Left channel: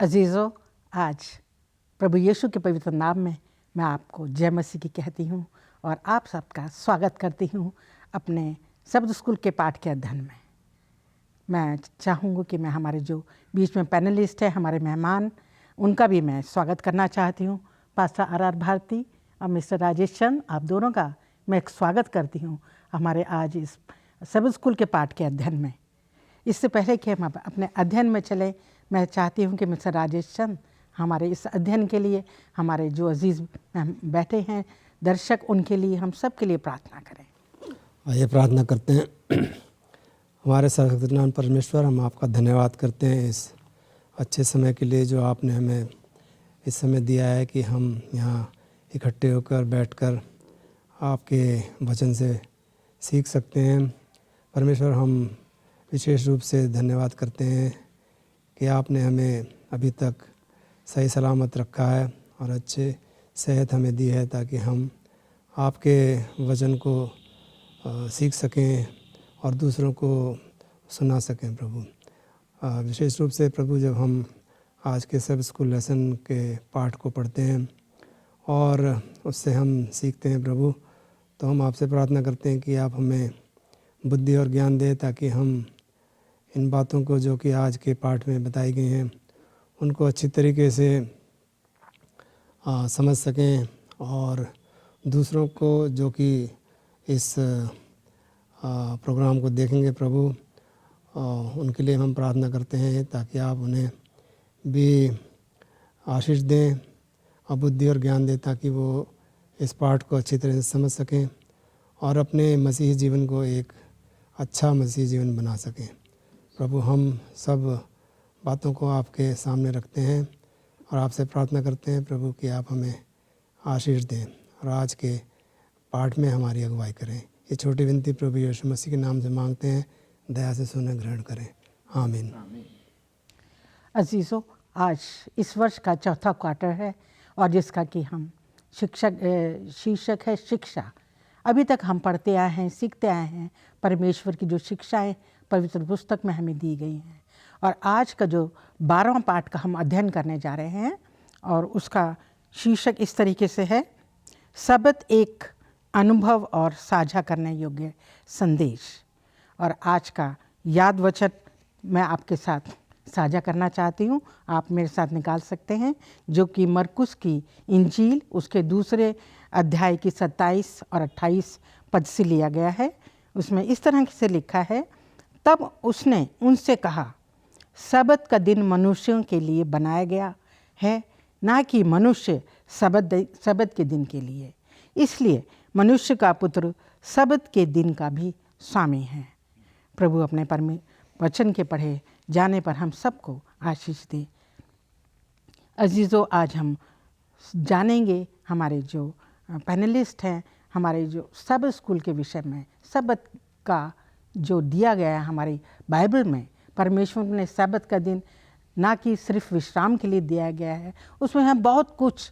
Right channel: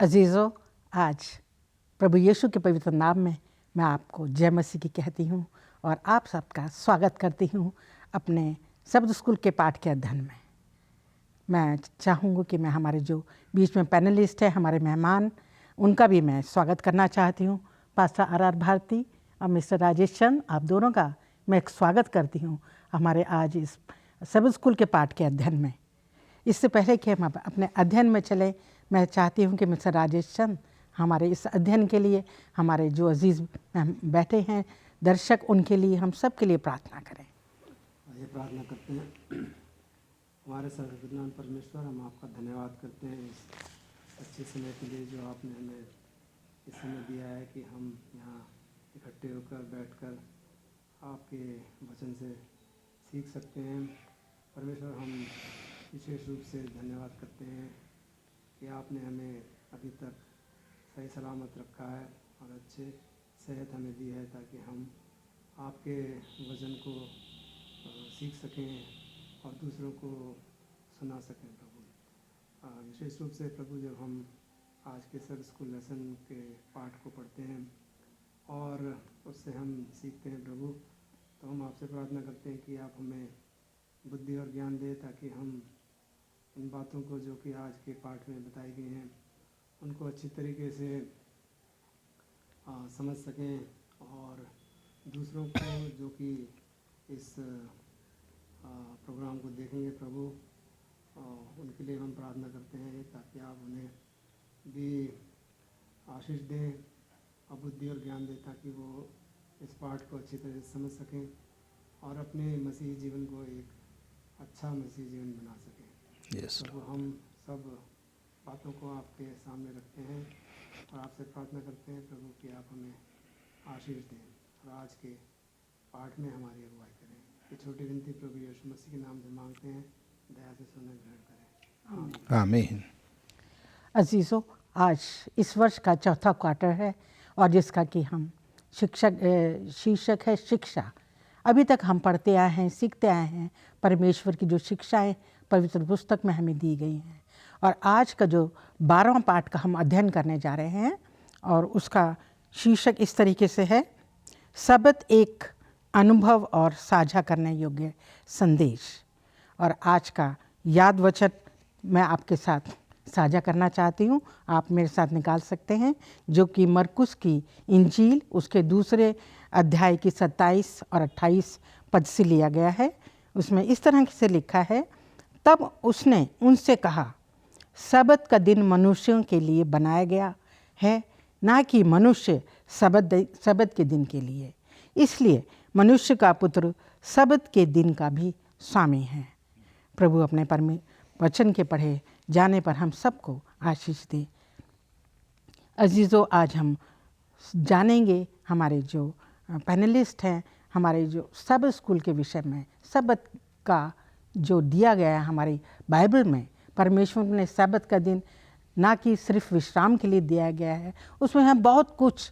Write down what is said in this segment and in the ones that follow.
अजीज़ों, आज प्रभु यीशु के पवित्र नाम में मैं आपको जय मसीह की कहती हूँ और आप सबका स्वागत करती हूँ अपने शब्द स्कूल के पाठ के अध्ययन में। मैं चाहूँगी कि मैं हमारे जो बीच में पैनलिस्ट हैं, हमारे मेहमान, उनका भी मैं स्वागत करना चाहती हूँ। पास्टर आर भारती और मिस्टर राजेश चंद, आप दोनों का मैं स्वागत करती हूँ हमारे आज इस शब्द स्कूल के पाठ के अध्ययन में। इससे पहले कि हम अपने अध्ययन में चले, मैं चाहती हूँ कि मिस्टर राजेश चंद हमारे इस अध्ययन के लिए, हमारे जो अजीज़ बैठे हैं दर्शक, उनके लिए, हम सब के लिए प्रार्थना करें। आइए प्रार्थना करते हैं। हमारे सर्वशक्तिमान परमेश्वर, हम आपका धन्यवाद करते हैं इस अच्छे समय के लिए जो आपने हमें इस समय दिया है कि हम यहाँ इकट्ठे होकर बैठकर आपके वचन से सीख सकते हैं। परमेश्वर, हम विशेष रूप से धन्यवाद करते हैं कि आपने हमें अभी तक सही सलामत रखा है और अच्छे सेहत हमें दी है ताकि हम आपके वचन को सीख सकें और दूसरों को सुना सकें। प्रभु, विशेष रूप से प्रभु, जब हम आज के सब स्कूल लेसन के पाठ को पढ़ते हैं और उससे हम सीखते हैं प्रभु, तो हम आपसे प्रार्थना करते हैं कि आप हमें बुद्धि और ज्ञान दें ताकि हम इन बातों को जो कि आज के पाठ में बताई गई हैं उनको अच्छी तरीके से समझ सकें और दूसरों को जो कि इस प्रोग्राम को देखेंगे प्रभु, उनके लिए हम प्रार्थना करते हैं ताकि आप उन्हें भी आशीष दें और बुद्धि और ज्ञान दें ताकि वो इस पाठ को अच्छी तरह से समझ सकें और अपने मसीही जीवन को एक अच्छा मसीही जीवन बना सकें। प्रभु, हम सब बातों को आपके सामने रखते हैं और आपसे प्रार्थना करते हैं प्रभु कि आप हमें आशीष दें और आज के पाठ में हमारी अगुवाई करें। ये छोटी विनती प्रभु यीशु मसीह के नाम से मांगते हैं, दया से सुने ग्रहण करें। आमीन। आमीन। अजीज़ों, आज इस वर्ष का चौथा क्वार्टर है और जिसका कि हम शीर्षक है शिक्षा। अभी तक हम पढ़ते आए हैं, सीखते आए हैं परमेश्वर की जो शिक्षाएं पवित्र पुस्तक में हमें दी गई हैं। और आज का जो 12वां पाठ का हम अध्ययन करने जा रहे हैं और उसका शीर्षक इस तरीके से है, सबत एक अनुभव और साझा करने योग्य संदेश। और आज का याद वचन मैं आपके साथ साझा करना चाहती हूँ, आप मेरे साथ निकाल सकते हैं, जो कि मरकुस की इंजील उसके दूसरे अध्याय की 27 और 28 पद से लिया गया है। उसमें इस तरह से लिखा है, तब उसने उनसे कहा, सबत का दिन मनुष्यों के लिए बनाया गया है, ना कि मनुष्य सबत के दिन के लिए। इसलिए मनुष्य का पुत्र सबत के दिन का भी स्वामी है। प्रभु अपने वचन के पढ़े जाने पर हम सबको आशीष दे। अजीज़ों, आज हम जानेंगे हमारे जो पैनलिस्ट हैं, हमारे जो सब स्कूल के विषय में सबत का जो दिया गया है हमारी बाइबल में। परमेश्वर ने सबत का दिन ना कि सिर्फ विश्राम के लिए दिया गया है, उसमें हम बहुत कुछ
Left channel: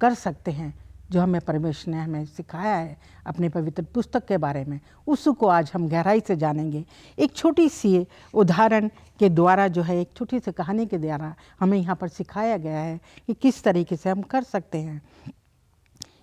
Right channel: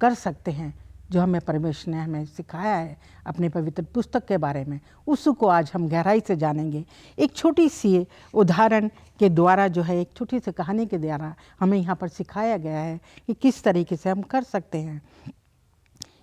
कर सकते हैं जो हमें परमेश्वर ने हमें सिखाया है अपने पवित्र पुस्तक के बारे में। उसको आज हम गहराई से जानेंगे। एक छोटी सी उदाहरण के द्वारा जो है, एक छोटी सी कहानी के द्वारा हमें यहाँ पर सिखाया गया है कि किस तरीके से हम कर सकते हैं।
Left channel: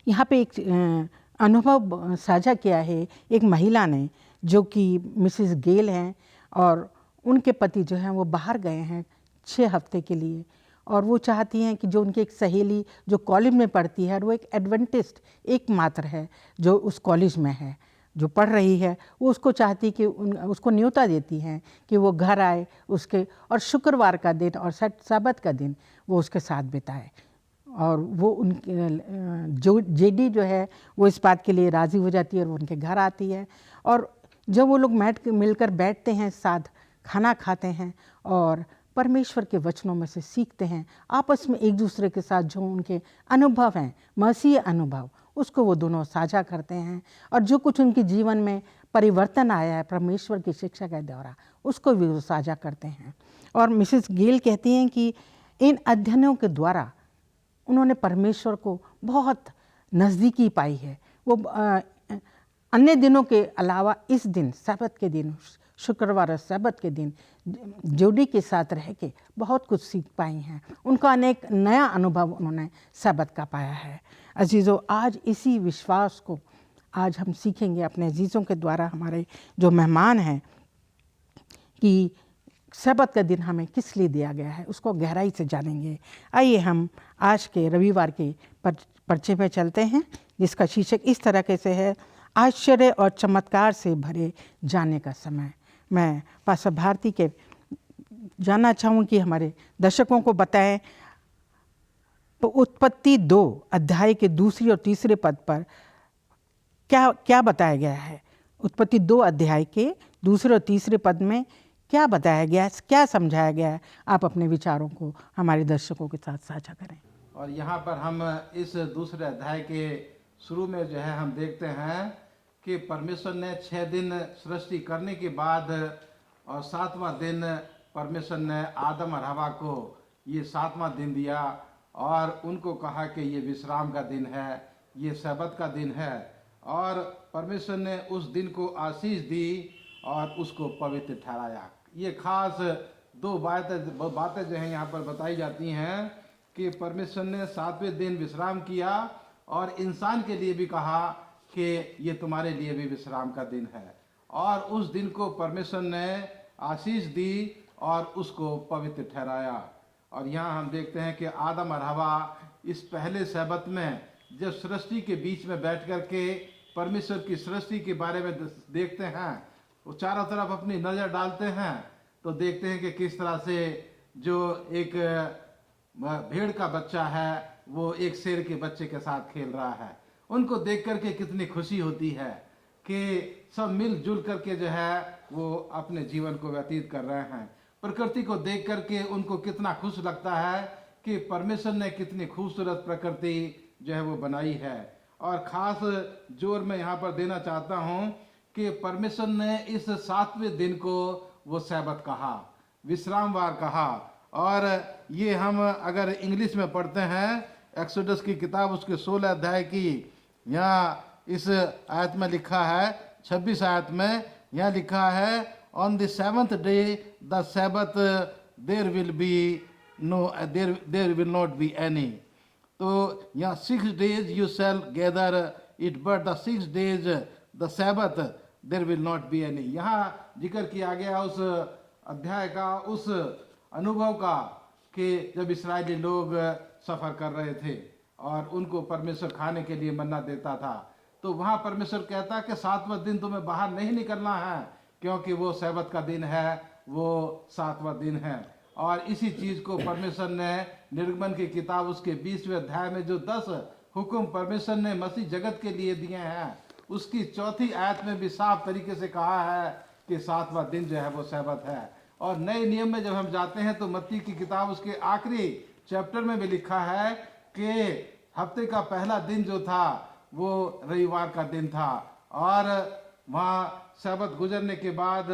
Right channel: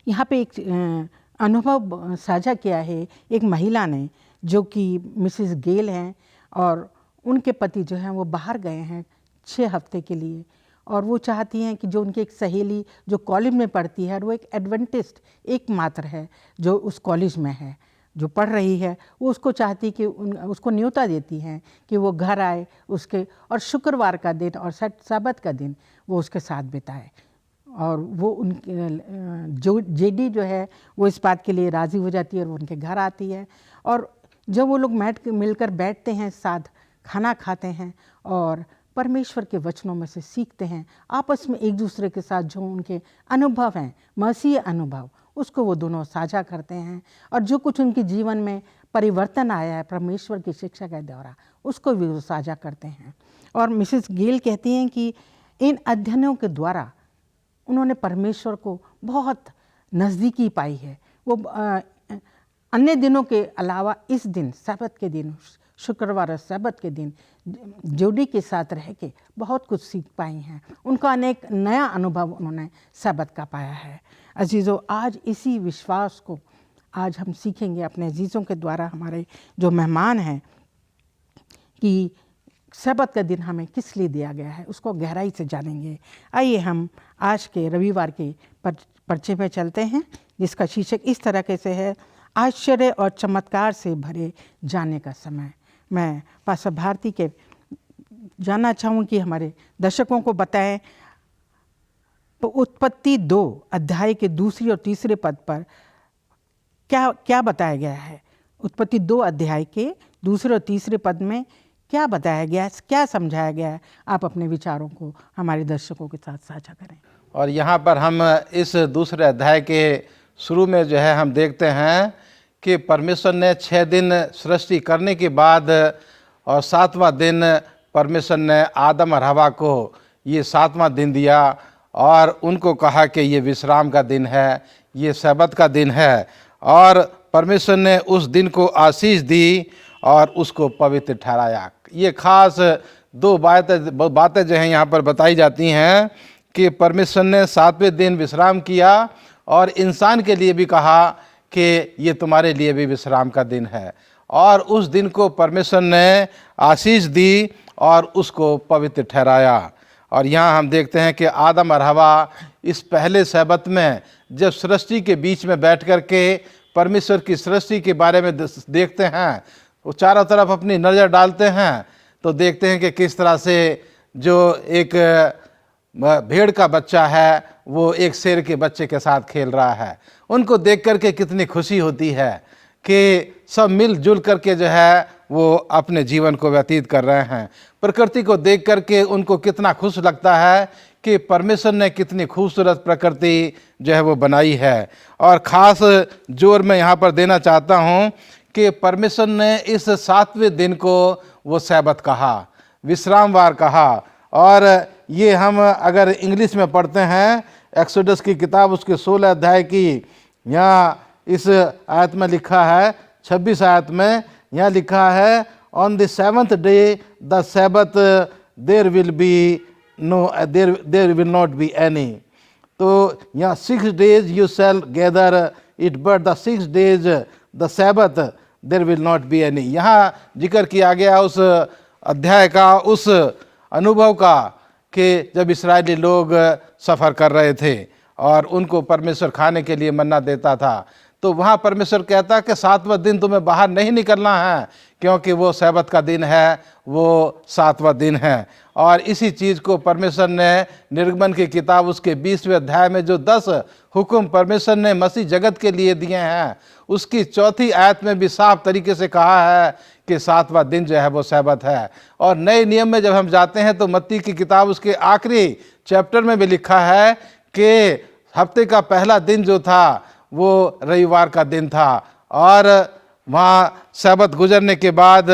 यहाँ पे एक अनुभव साझा किया है एक महिला ने, जो कि मिसेस गेल हैं और उनके पति जो हैं वो बाहर गए हैं 6 हफ्ते के लिए और वो चाहती हैं कि जो उनकी एक सहेली जो कॉलेज में पढ़ती है और वो एक एडवेंटिस्ट एकमात्र है जो उस कॉलेज में है, जो पढ़ रही है, वो उसको चाहती कि उसको न्योता देती हैं कि वो घर आए उसके और शुक्रवार का दिन और सबत का दिन वो उसके साथ बिताए। और वो उनके जो जेडी जो है वो इस बात के लिए राज़ी हो जाती है और वो उनके घर आती है। और जब वो लोग मिलकर बैठते हैं, साथ खाना खाते हैं और परमेश्वर के वचनों में से सीखते हैं, आपस में एक दूसरे के साथ जो उनके अनुभव हैं, मसीही अनुभव, उसको वो दोनों साझा करते हैं और जो कुछ उनके जीवन में परिवर्तन आया है परमेश्वर की शिक्षा के द्वारा, उसको भी वो साझा करते हैं। और मिसेस गेल कहती हैं कि इन अध्ययनों के द्वारा उन्होंने परमेश्वर को बहुत नज़दीकी पाई है। वो अन्य दिनों के अलावा इस दिन सबत के दिन, शुक्रवार और सबत के दिन जोड़ी के साथ रह के बहुत कुछ सीख पाई हैं। उनका अनेक नया अनुभव उन्होंने सबत का पाया है। अजीज़ों, आज इसी विश्वास को आज हम सीखेंगे अपने अजीज़ों के द्वारा, हमारे जो मेहमान हैं, कि सबत का दिन हमें किस लिए दिया गया है, उसको गहराई से जानेंगे। आइए हम आज के रविवार के पर्चे में चलते हैं, जिसका शीर्षक इस तरह से है, आश्चर्य और चमत्कार से भरे जाने का समय। मैं पास्टर भारती के जानना चाहूँ कि हमारे दर्शकों को बताएं, तो उत्पत्ति 2 अध्याय के दूसरी और तीसरे पद पर क्या बताया गया है। उत्पत्ति 2 अध्याय के दूसरे और तीसरे पद में क्या बताया गया है, क्या समझाया गया है, आप अपने विचारों को हमारे दर्शकों के साथ साझा करें। और यहाँ पर हम इस दूसरे अध्याय के शुरू में जो है हम देखते हैं कि परमेश्वर ने 6 दिन सृष्टि करने के बाद और 7वां दिन परमेश्वर ने आदम और हवा को ये 7वां दिन दिया और उनको कहा कि ये विश्राम का दिन है, ये सबत का दिन है। और परमेश्वर ने उस दिन को आशीष दी और उसको पवित्र ठहराया। ये खास 2 बातें जो हैं यहाँ पर बताई जाती हैं कि परमेश्वर ने 7वें दिन विश्राम किया और इंसान के लिए भी कहा कि ये तुम्हारे लिए भी विश्राम का दिन है। और उस दिन को परमेश्वर ने आशीष दी और उसको पवित्र ठहराया। और यहाँ हम देखते हैं कि आदम और हवा इस पहले सबत में जब सृष्टि के बीच में बैठ कर के परमेश्वर की सृष्टि के बारे में देखते हैं, वो चारों तरफ अपनी नज़र डालते हैं, तो देखते हैं कि किस तरह से जो एक भेड़ का बच्चा है वो एक शेर के बच्चे के साथ खेल रहा है। उनको देख करके कितनी खुशी होती है कि सब मिलजुल करके जो है वो अपने जीवन को व्यतीत कर रहे हैं। प्रकृति को देख करके उनको कितना खुश लगता है कि परमेश्वर ने कितनी खूबसूरत प्रकृति जो है वो बनाई है। और ख़ास जोर मैं यहाँ पर देना चाहता हूँ कि परमेश्वर ने इस 7वें दिन को वो सैबत कहा, विश्रामवार कहा। और ये हम अगर इंग्लिश में पढ़ते हैं, एक्सोडस की किताब उसके 16 अध्याय की यहाँ इस आयत में लिखा है, 26 आयत में यहाँ लिखा है, on the 7th day the sabbath there will not be any. तो यहाँ 6 days you shall gather it, but the 6 days the sabbath there will not be any. यहाँ जिक्र किया गया उस अध्याय का, उस अनुभव का, कि जब इस्राएली लोग सफ़र कर रहे थे और उनको परमेश्वर खाने के लिए मन्ना देता था, तो वहाँ परमेश्वर कहता कि 7वां दिन तुम्हें बाहर नहीं निकलना है, क्योंकि वो सैबत का दिन है, वो 7वां दिन है। और इसी चीज़ को परमेश्वर ने निर्गमन की किताब उसके 20वें अध्याय में जो 10 हुक्म परमेश्वर ने मसीह जगत के लिए दिए हैं, उसकी 4थी आयत में भी साफ तरीके से कहा है कि 7वां दिन जो है वो सैबत है। और नए नियम में जब हम जाते हैं तो मत्ती की किताब उसके आखिरी चैप्टर में भी लिखा है कि हफ्ते का पहला दिन जो था वो रविवार का दिन था। और वहाँ सैबत गुजरने के बाद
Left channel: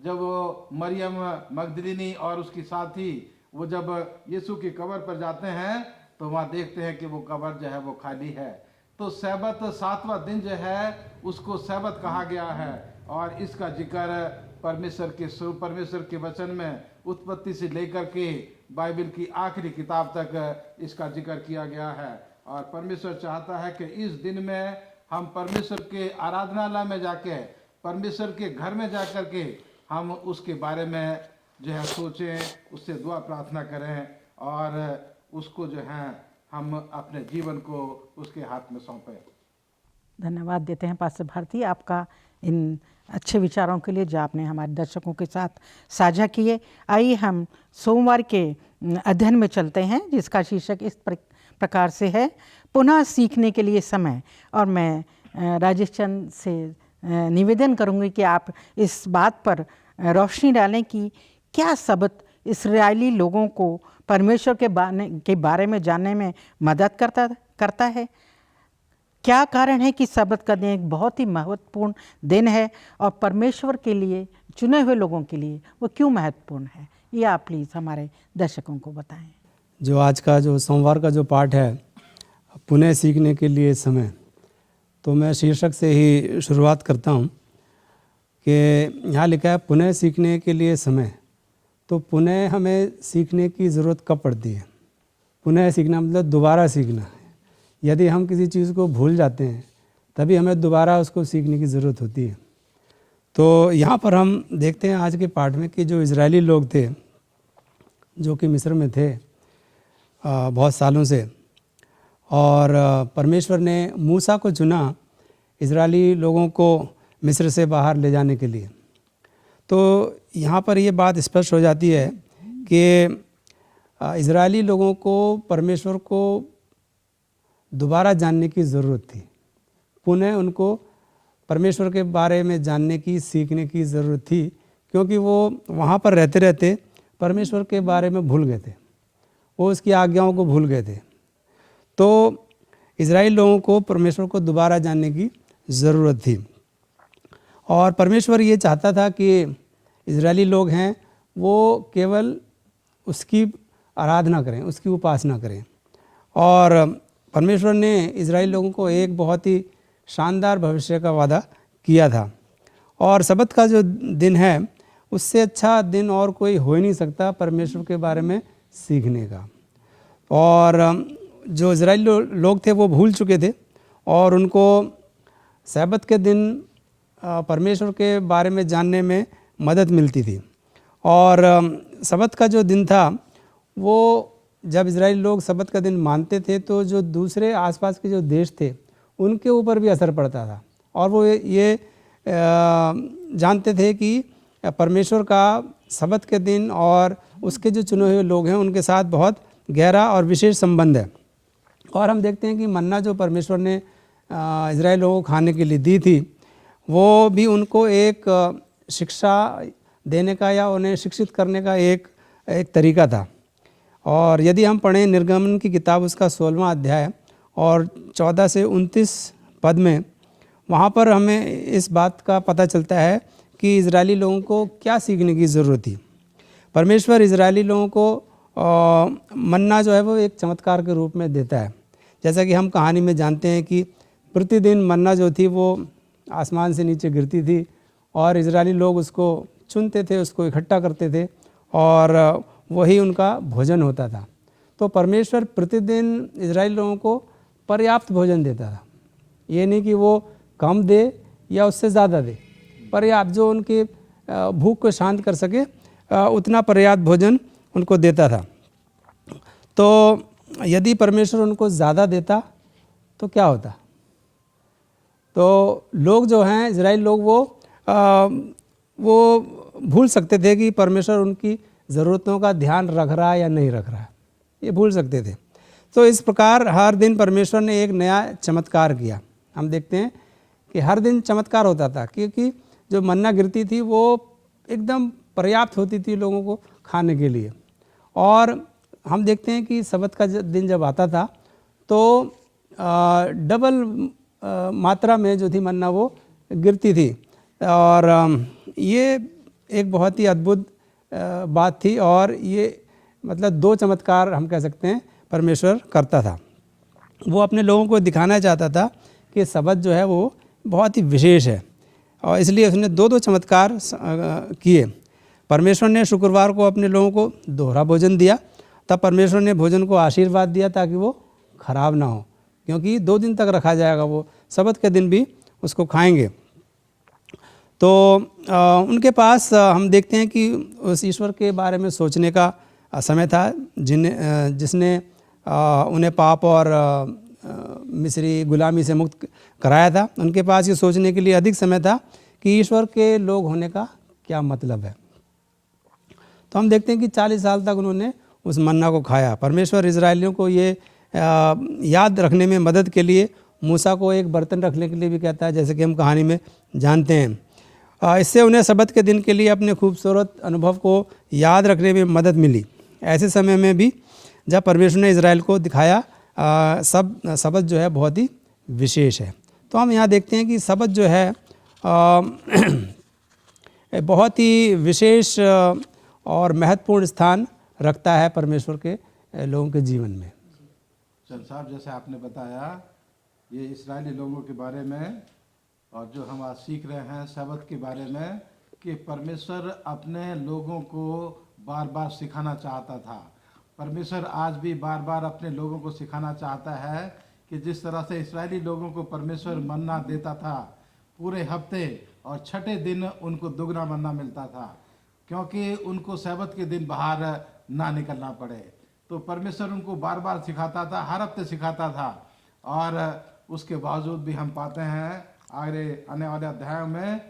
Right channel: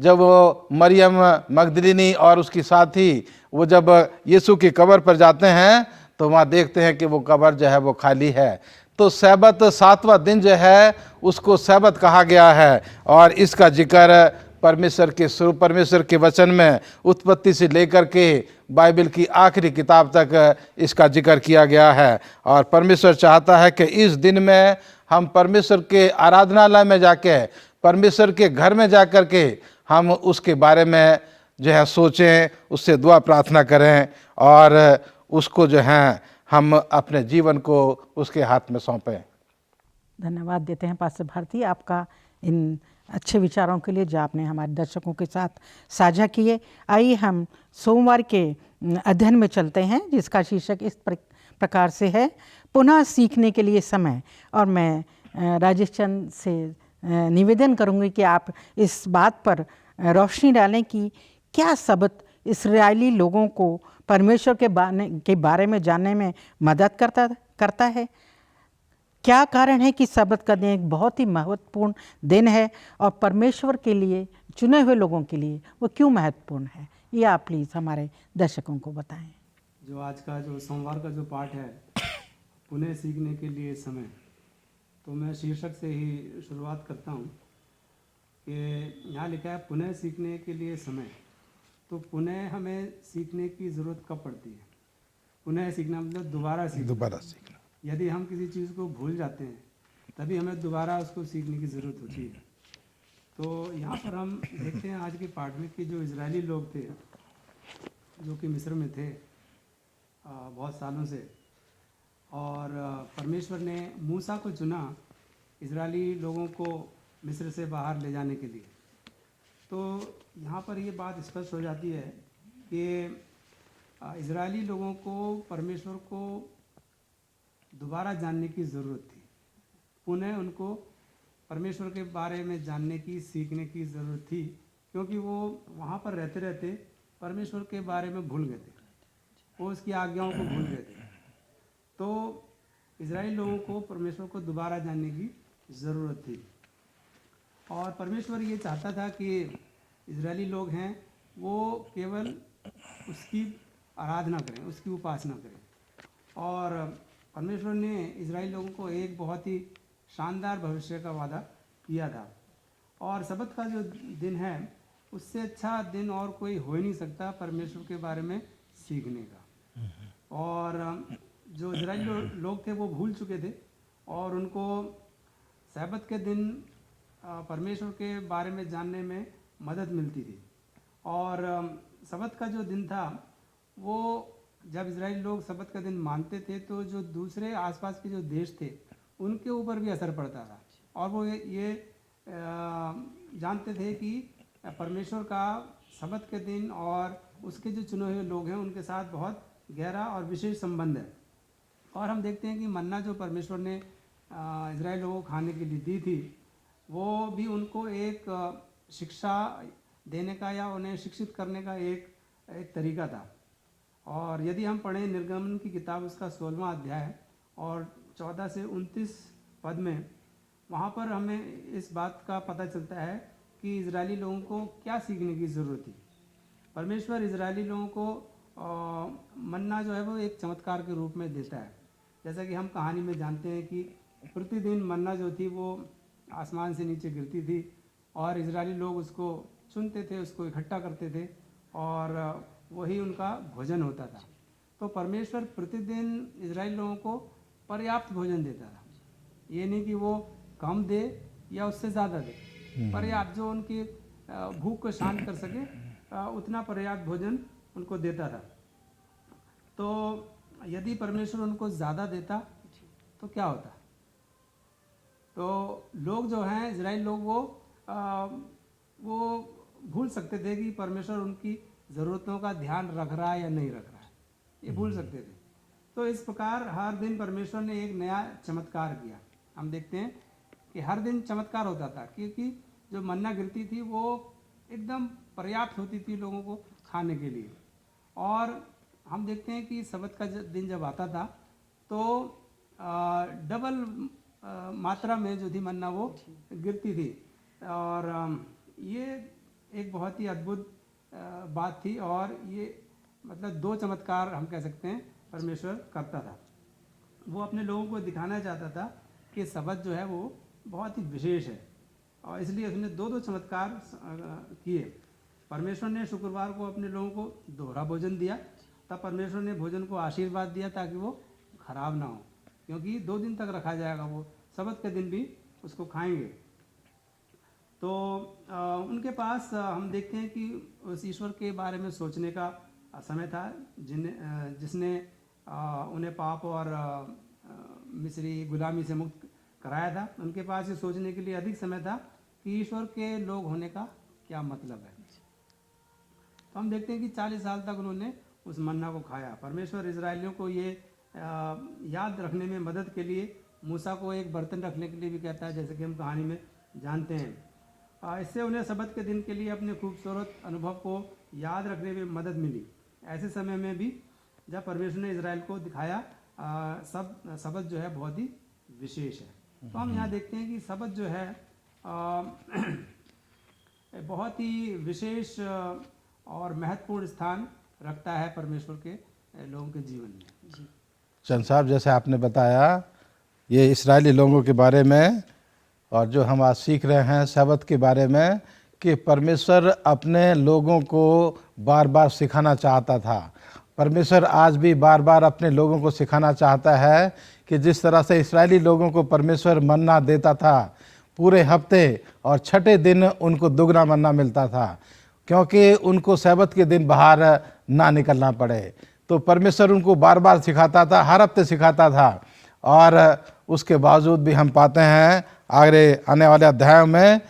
जब वो मरियम मगदलिनी और उसकी साथी वो जब यीशु की कब्र पर जाते हैं तो वहाँ देखते हैं कि वो कब्र जो है वो खाली है। तो सैबत 7वां दिन जो है उसको सैबत कहा गया है। और इसका जिक्र परमेश्वर के वचन में उत्पत्ति से लेकर के बाइबल की आखिरी किताब तक इसका जिक्र किया गया है। और परमेश्वर चाहता है कि इस दिन में हम परमेश्वर के आराधनालय में जाके, परमेश्वर के घर में जा कर के हम उसके बारे में जो है सोचें, उससे दुआ प्रार्थना करें और उसको जो है हम अपने जीवन को उसके हाथ में सौंपें। धन्यवाद देते हैं पास्टर भारती आपका इन अच्छे विचारों के लिए जो आपने हमारे दर्शकों के साथ साझा किए। आइए हम सोमवार के अध्ययन में चलते हैं, जिसका शीर्षक इस प्रकार से है, पुनः सीखने के लिए समय। और मैं राजेश चंद से निवेदन करूंगी कि आप इस बात पर रोशनी डालें कि क्या सबत इस्राएली लोगों को परमेश्वर के बारे में जानने में मदद करता है। क्या कारण है कि सबत का दिन एक बहुत ही महत्वपूर्ण दिन है और परमेश्वर के लिए, चुने हुए लोगों के लिए वो क्यों महत्वपूर्ण है, ये आप प्लीज़ हमारे दर्शकों को बताएं। जो आज का जो सोमवार का जो पाठ है, पुनः सीखने के लिए समय, तो मैं शीर्षक से ही शुरुआत करता हूँ कि यहाँ लिखा है पुनः सीखने के लिए समय। तो पुनः हमें सीखने की ज़रूरत कब पड़ती है? पुनः सीखना मतलब दोबारा सीखना। यदि हम किसी चीज़ को भूल जाते हैं तभी हमें दोबारा उसको सीखने की ज़रूरत होती है। तो यहाँ पर हम देखते हैं आज के पाठ में कि जो इजरायली लोग थे जो कि मिस्र में थे बहुत सालों से, और परमेश्वर ने मूसा को चुना इजरायली लोगों को मिस्र से बाहर ले जाने के लिए। तो यहाँ पर ये बात स्पष्ट हो जाती है कि इजरायली लोगों को परमेश्वर को दोबारा जानने की ज़रूरत थी। पुनः उनको परमेश्वर के बारे में जानने की, सीखने की ज़रूरत थी, क्योंकि वो वहाँ पर रहते रहते परमेश्वर के बारे में भूल गए थे, वो उसकी आज्ञाओं को भूल गए थे। तो इजराइल लोगों को परमेश्वर को दोबारा जानने की ज़रूरत थी, और परमेश्वर ये चाहता था कि इजरायली लोग हैं वो केवल उसकी आराधना करें, उसकी उपासना करें। और परमेश्वर ने इजराइल लोगों को एक बहुत ही शानदार भविष्य का वादा किया था, और सबत का जो दिन है उससे अच्छा दिन और कोई हो ही नहीं सकता परमेश्वर के बारे में सीखने का। और जो इजराइली लोग थे वो भूल चुके थे, और उनको सबत के दिन परमेश्वर के बारे में जानने में मदद मिलती थी। और सबत का जो दिन था वो जब इजराइली लोग सबत का दिन मानते थे तो जो दूसरे आसपास के जो देश थे उनके ऊपर भी असर पड़ता था, और वो ये जानते थे कि परमेश्वर का सबत के दिन और उसके जो चुने हुए लोग हैं उनके साथ बहुत गहरा और विशेष संबंध है। और हम देखते हैं कि मन्ना जो परमेश्वर ने इजराइल लोगों को खाने के लिए दी थी वो भी उनको एक शिक्षा देने का या उन्हें शिक्षित करने का एक तरीका था। और यदि हम पढ़ें निर्गमन की किताब उसका 16वां अध्याय और 14 से 29 पद में, वहाँ पर हमें इस बात का पता चलता है कि इजरायली लोगों को क्या सीखने की ज़रूरत थी। परमेश्वर इजरायली लोगों को मन्ना जो है वो एक चमत्कार के रूप में देता है। जैसा कि हम कहानी में जानते हैं कि प्रतिदिन मन्ना जो थी वो आसमान से नीचे गिरती थी, और इजरायली लोग उसको चुनते थे, उसको इकट्ठा करते थे, और वही उनका भोजन होता था। तो परमेश्वर प्रतिदिन इजरायली लोगों को पर्याप्त भोजन देता था, ये नहीं कि वो कम दे या उससे ज़्यादा दे, पर्याप्त जो उनकी भूख को शांत कर सके उतना पर्याप्त भोजन उनको देता था। तो यदि परमेश्वर उनको ज़्यादा देता तो क्या होता? तो लोग जो हैं इजराइल लोग वो भूल सकते थे कि परमेश्वर उनकी ज़रूरतों का ध्यान रख रहा है या नहीं रख रहा है, ये भूल सकते थे। तो इस प्रकार हर दिन परमेश्वर ने एक नया चमत्कार किया। हम देखते हैं कि हर दिन चमत्कार होता था, क्योंकि जो मन्ना गिरती थी वो एकदम पर्याप्त होती थी लोगों को खाने के लिए। और हम देखते हैं कि सबत का दिन जब आता था तो डबल मात्रा में जो थी मन्ना वो गिरती थी, और ये एक बहुत ही अद्भुत बात थी। और ये मतलब दो चमत्कार हम कह सकते हैं परमेश्वर करता था। वो अपने लोगों को दिखाना चाहता था कि सबत जो है वो बहुत ही विशेष है, और इसलिए उसने दो चमत्कार किए। परमेश्वर ने शुक्रवार को अपने लोगों को दोहरा भोजन दिया, तब परमेश्वर ने भोजन को आशीर्वाद दिया ताकि वो खराब ना हो, क्योंकि 2 दिन तक रखा जाएगा, वो सबत के दिन भी उसको खाएंगे। तो उनके पास हम देखते हैं कि उस ईश्वर के बारे में सोचने का समय था जिसने उन्हें पाप और मिस्री गुलामी से मुक्त कराया था। उनके पास ये सोचने के लिए अधिक समय था कि ईश्वर के लोग होने का क्या मतलब है। तो हम देखते हैं कि 40 साल तक उन्होंने उस मन्ना को खाया। परमेश्वर इजरायलियों को ये याद रखने में मदद के लिए मूसा को एक बर्तन रखने के लिए भी कहता है, जैसे कि हम कहानी में जानते हैं। इससे उन्हें सबत के दिन के लिए अपने खूबसूरत अनुभव को याद रखने में मदद मिली। ऐसे समय में भी जब परमेश्वर ने इजराइल को दिखाया सबत जो है बहुत ही विशेष है। तो हम यहाँ देखते हैं कि सबत जो है बहुत ही विशेष और महत्वपूर्ण स्थान रखता है परमेश्वर के लोगों के जीवन में। चंद साहब, जैसे आपने बताया ये इस्राएली लोगों के बारे में, और जो हम आज सीख रहे हैं सबत के बारे में, कि परमेश्वर अपने लोगों को बार बार सिखाना चाहता था। परमेश्वर आज भी बार बार अपने लोगों को सिखाना चाहता है कि जिस तरह से इस्राएली लोगों को परमेश्वर मन्ना देता था पूरे हफ्ते, और छठे दिन उनको दुगना मन्ना मिलता था क्योंकि उनको सब्त के दिन बाहर ना निकलना पड़े। तो परमेश्वर उनको बार बार सिखाता था, हर हफ्ते सिखाता था, और उसके बावजूद भी हम पाते हैं आगे आने वाले अध्यायों में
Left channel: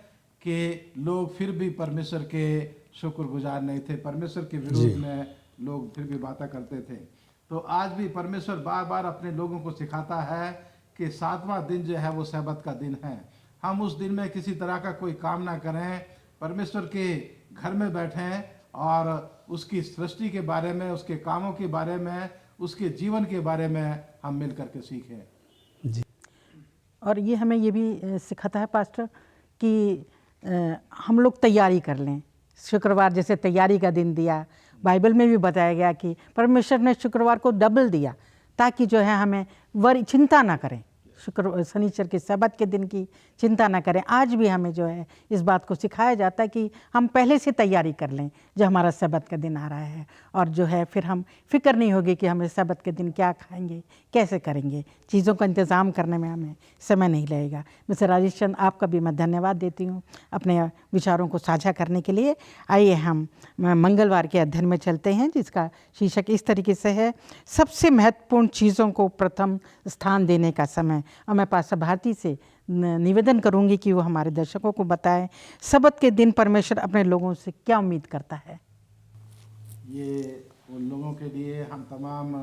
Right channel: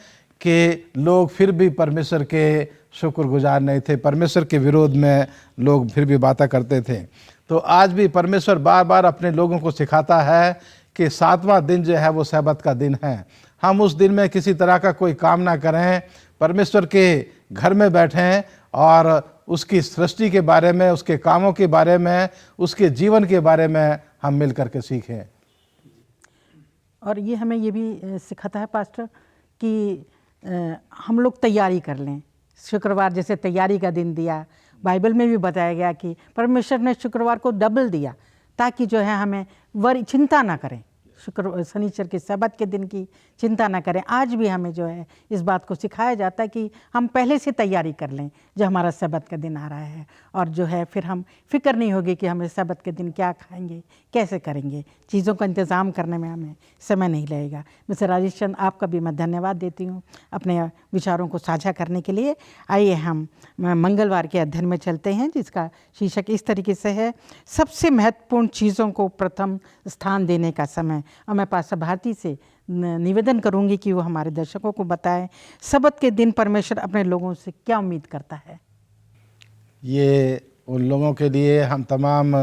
कि लोग फिर भी परमेश्वर के शुक्रगुजार नहीं थे, परमेश्वर के विरोध में लोग फिर भी बातें करते थे। तो आज भी परमेश्वर बार बार अपने लोगों को सिखाता है कि 7वां दिन जो है वो सब्त का दिन है। हम उस दिन में किसी तरह का कोई काम ना करें, परमेश्वर के घर में बैठें और उसकी सृष्टि के बारे में, उसके कामों के बारे में, उसके जीवन के बारे में हम मिल करके सीखें। जी। और ये हमें ये भी सिखाता है पास्टर कि हम लोग तैयारी कर लें। शुक्रवार जैसे तैयारी का दिन दिया, बाइबल में भी बताया गया कि परमेश्वर ने शुक्रवार को डबल दिया ताकि जो है हमें चिंता ना करें, शनिचर के सब्त के दिन की चिंता ना करें। आज भी हमें जो है इस बात को सिखाया जाता है कि हम पहले से तैयारी कर लें जो हमारा सब्त का दिन आ रहा है, और जो है फिर हम फिक्र नहीं होगी कि हमें सब्त के दिन क्या खाएंगे, कैसे करेंगे, चीज़ों का इंतज़ाम करने में हमें समय नहीं लगेगा। मिस्टर राजेश चंद, आपका भी मैं धन्यवाद देती हूँ अपने विचारों को साझा करने के लिए। आइए हम मंगलवार के अध्ययन में चलते हैं जिसका शीर्षक इस तरीके से है, सबसे महत्वपूर्ण चीज़ों को प्रथम स्थान देने का समय। और मैं पास्टर भारती से निवेदन करूंगी कि वो हमारे दर्शकों को बताएं सब्त के दिन परमेश्वर अपने लोगों से क्या उम्मीद करता है। ये उन लोगों के लिए, हम तमाम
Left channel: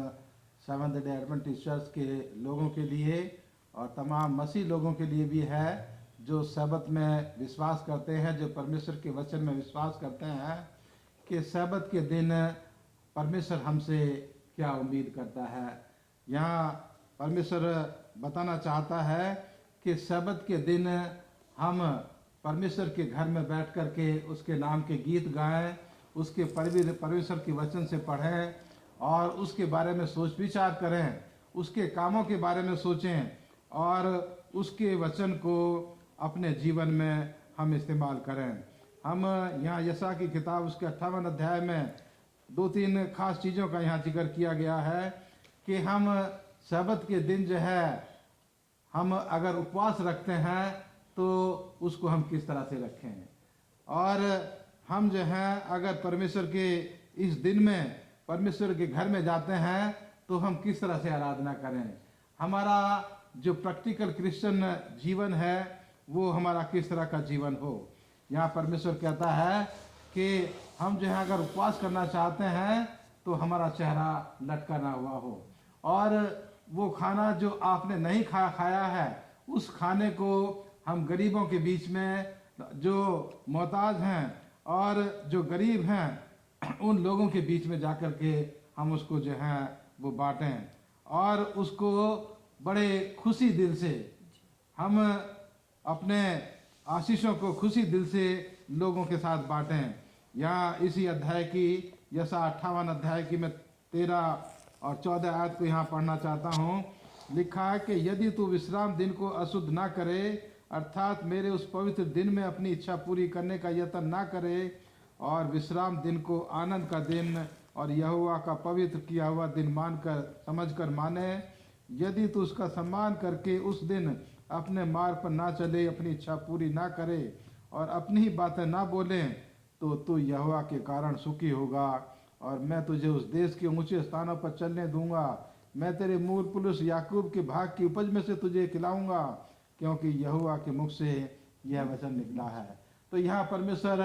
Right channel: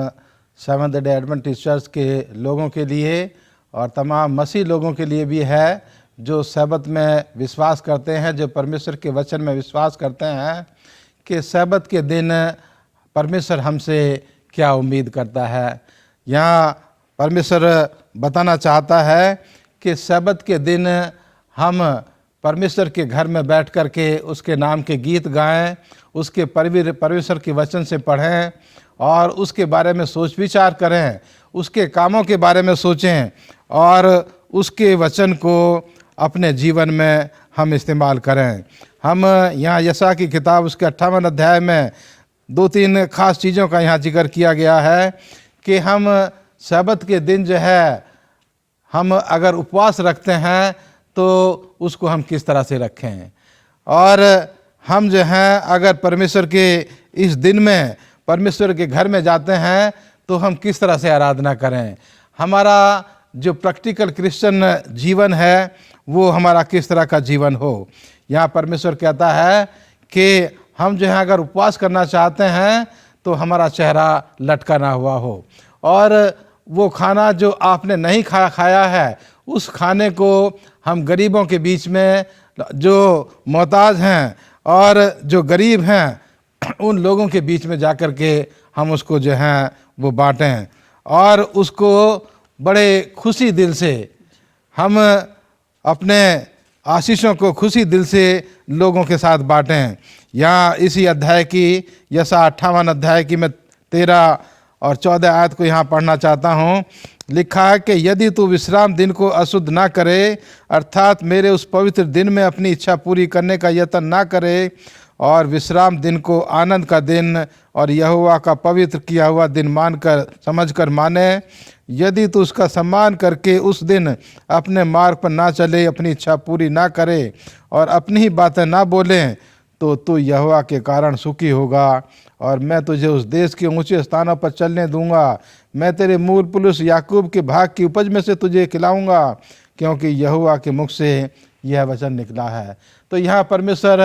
सेवंथ डे एडवेंटिस्ट चर्च के लोगों के लिए और तमाम मसीह लोगों के लिए भी है जो सब्त में विश्वास करते हैं, जो परमेश्वर के वचन में विश्वास करते हैं कि सब्त के दिन परमेश्वर हमसे क्या उम्मीद करता है। यहाँ परमेश्वर बताना चाहता है कि सब्त के दिन हम परमेश्वर के घर में बैठ कर के उसके नाम के गीत गाएं, उसके परमेश्वर के वचन से पढ़ें और उसके बारे में सोच विचार करें, उसके कामों के बारे में सोचें और उसके वचन को अपने जीवन में हम इस्तेमाल करें। हम यहाँ यशायाह की किताब उसके 58 अध्याय में 2-3 खास चीज़ों का यहाँ जिक्र किया गया है कि हम सब्त के दिन जो है हम अगर उपवास रखते हैं तो उसको हम किस तरह से रखें, और हम जो हैं अगर परमेश्वर के इस दिन में परमेश्वर के घर में जाते हैं तो हम किस तरह से आराधना करें। हमारा जो प्रैक्टिकल क्रिश्चियन जीवन है वो हमारा किस तरह का जीवन हो। यहाँ परमेश्वर कहता है कि हम जो है अगर उपवास करना चाहते हैं तो हमारा चेहरा लटका ना हुआ हो, और वो खाना जो आपने नहीं खाया है उस खाने को हम गरीबों के बीच में, जो मोहताज हैं और जो गरीब हैं उन लोगों के बीच में जाकर के हम उसको जो है वो बांटें, और उसको बड़े खुशी दिल से हम अपने आशीषों को खुशी दिल से लोगों के साथ बांटें। यहाँ इसी अध्याय की यशायाह 58 अध्याय की मैं 13 और 14 आयत को यहाँ पढ़ना चाहता हूँ। लिखा है कि यदि तू विश्राम दिन को अशुद्ध ना करे, अर्थात मेरे उस पवित्र दिन में अपनी इच्छा पूरी करने का यत्न ना करे, और विश्राम दिन को आनंद का दिन और यहोवा का पवित्र किया हुआ दिन मानकर समझकर माने, यदि तू उसका सम्मान करके उस दिन अपने मार्ग पर ना चले, अपनी इच्छा पूरी ना करे और अपनी ही बातें ना बोले, तो तू यहोवा के कारण सुखी होगा, और मैं तुझे उस देश के ऊंचे स्थानों पर चलने दूंगा। मैं तेरे मूल पुरुष याकूब के भाग की उपज में से तुझे खिलाऊंगा, क्योंकि यहोवा के मुख से यह वचन निकला है। तो यहाँ परमेश्वर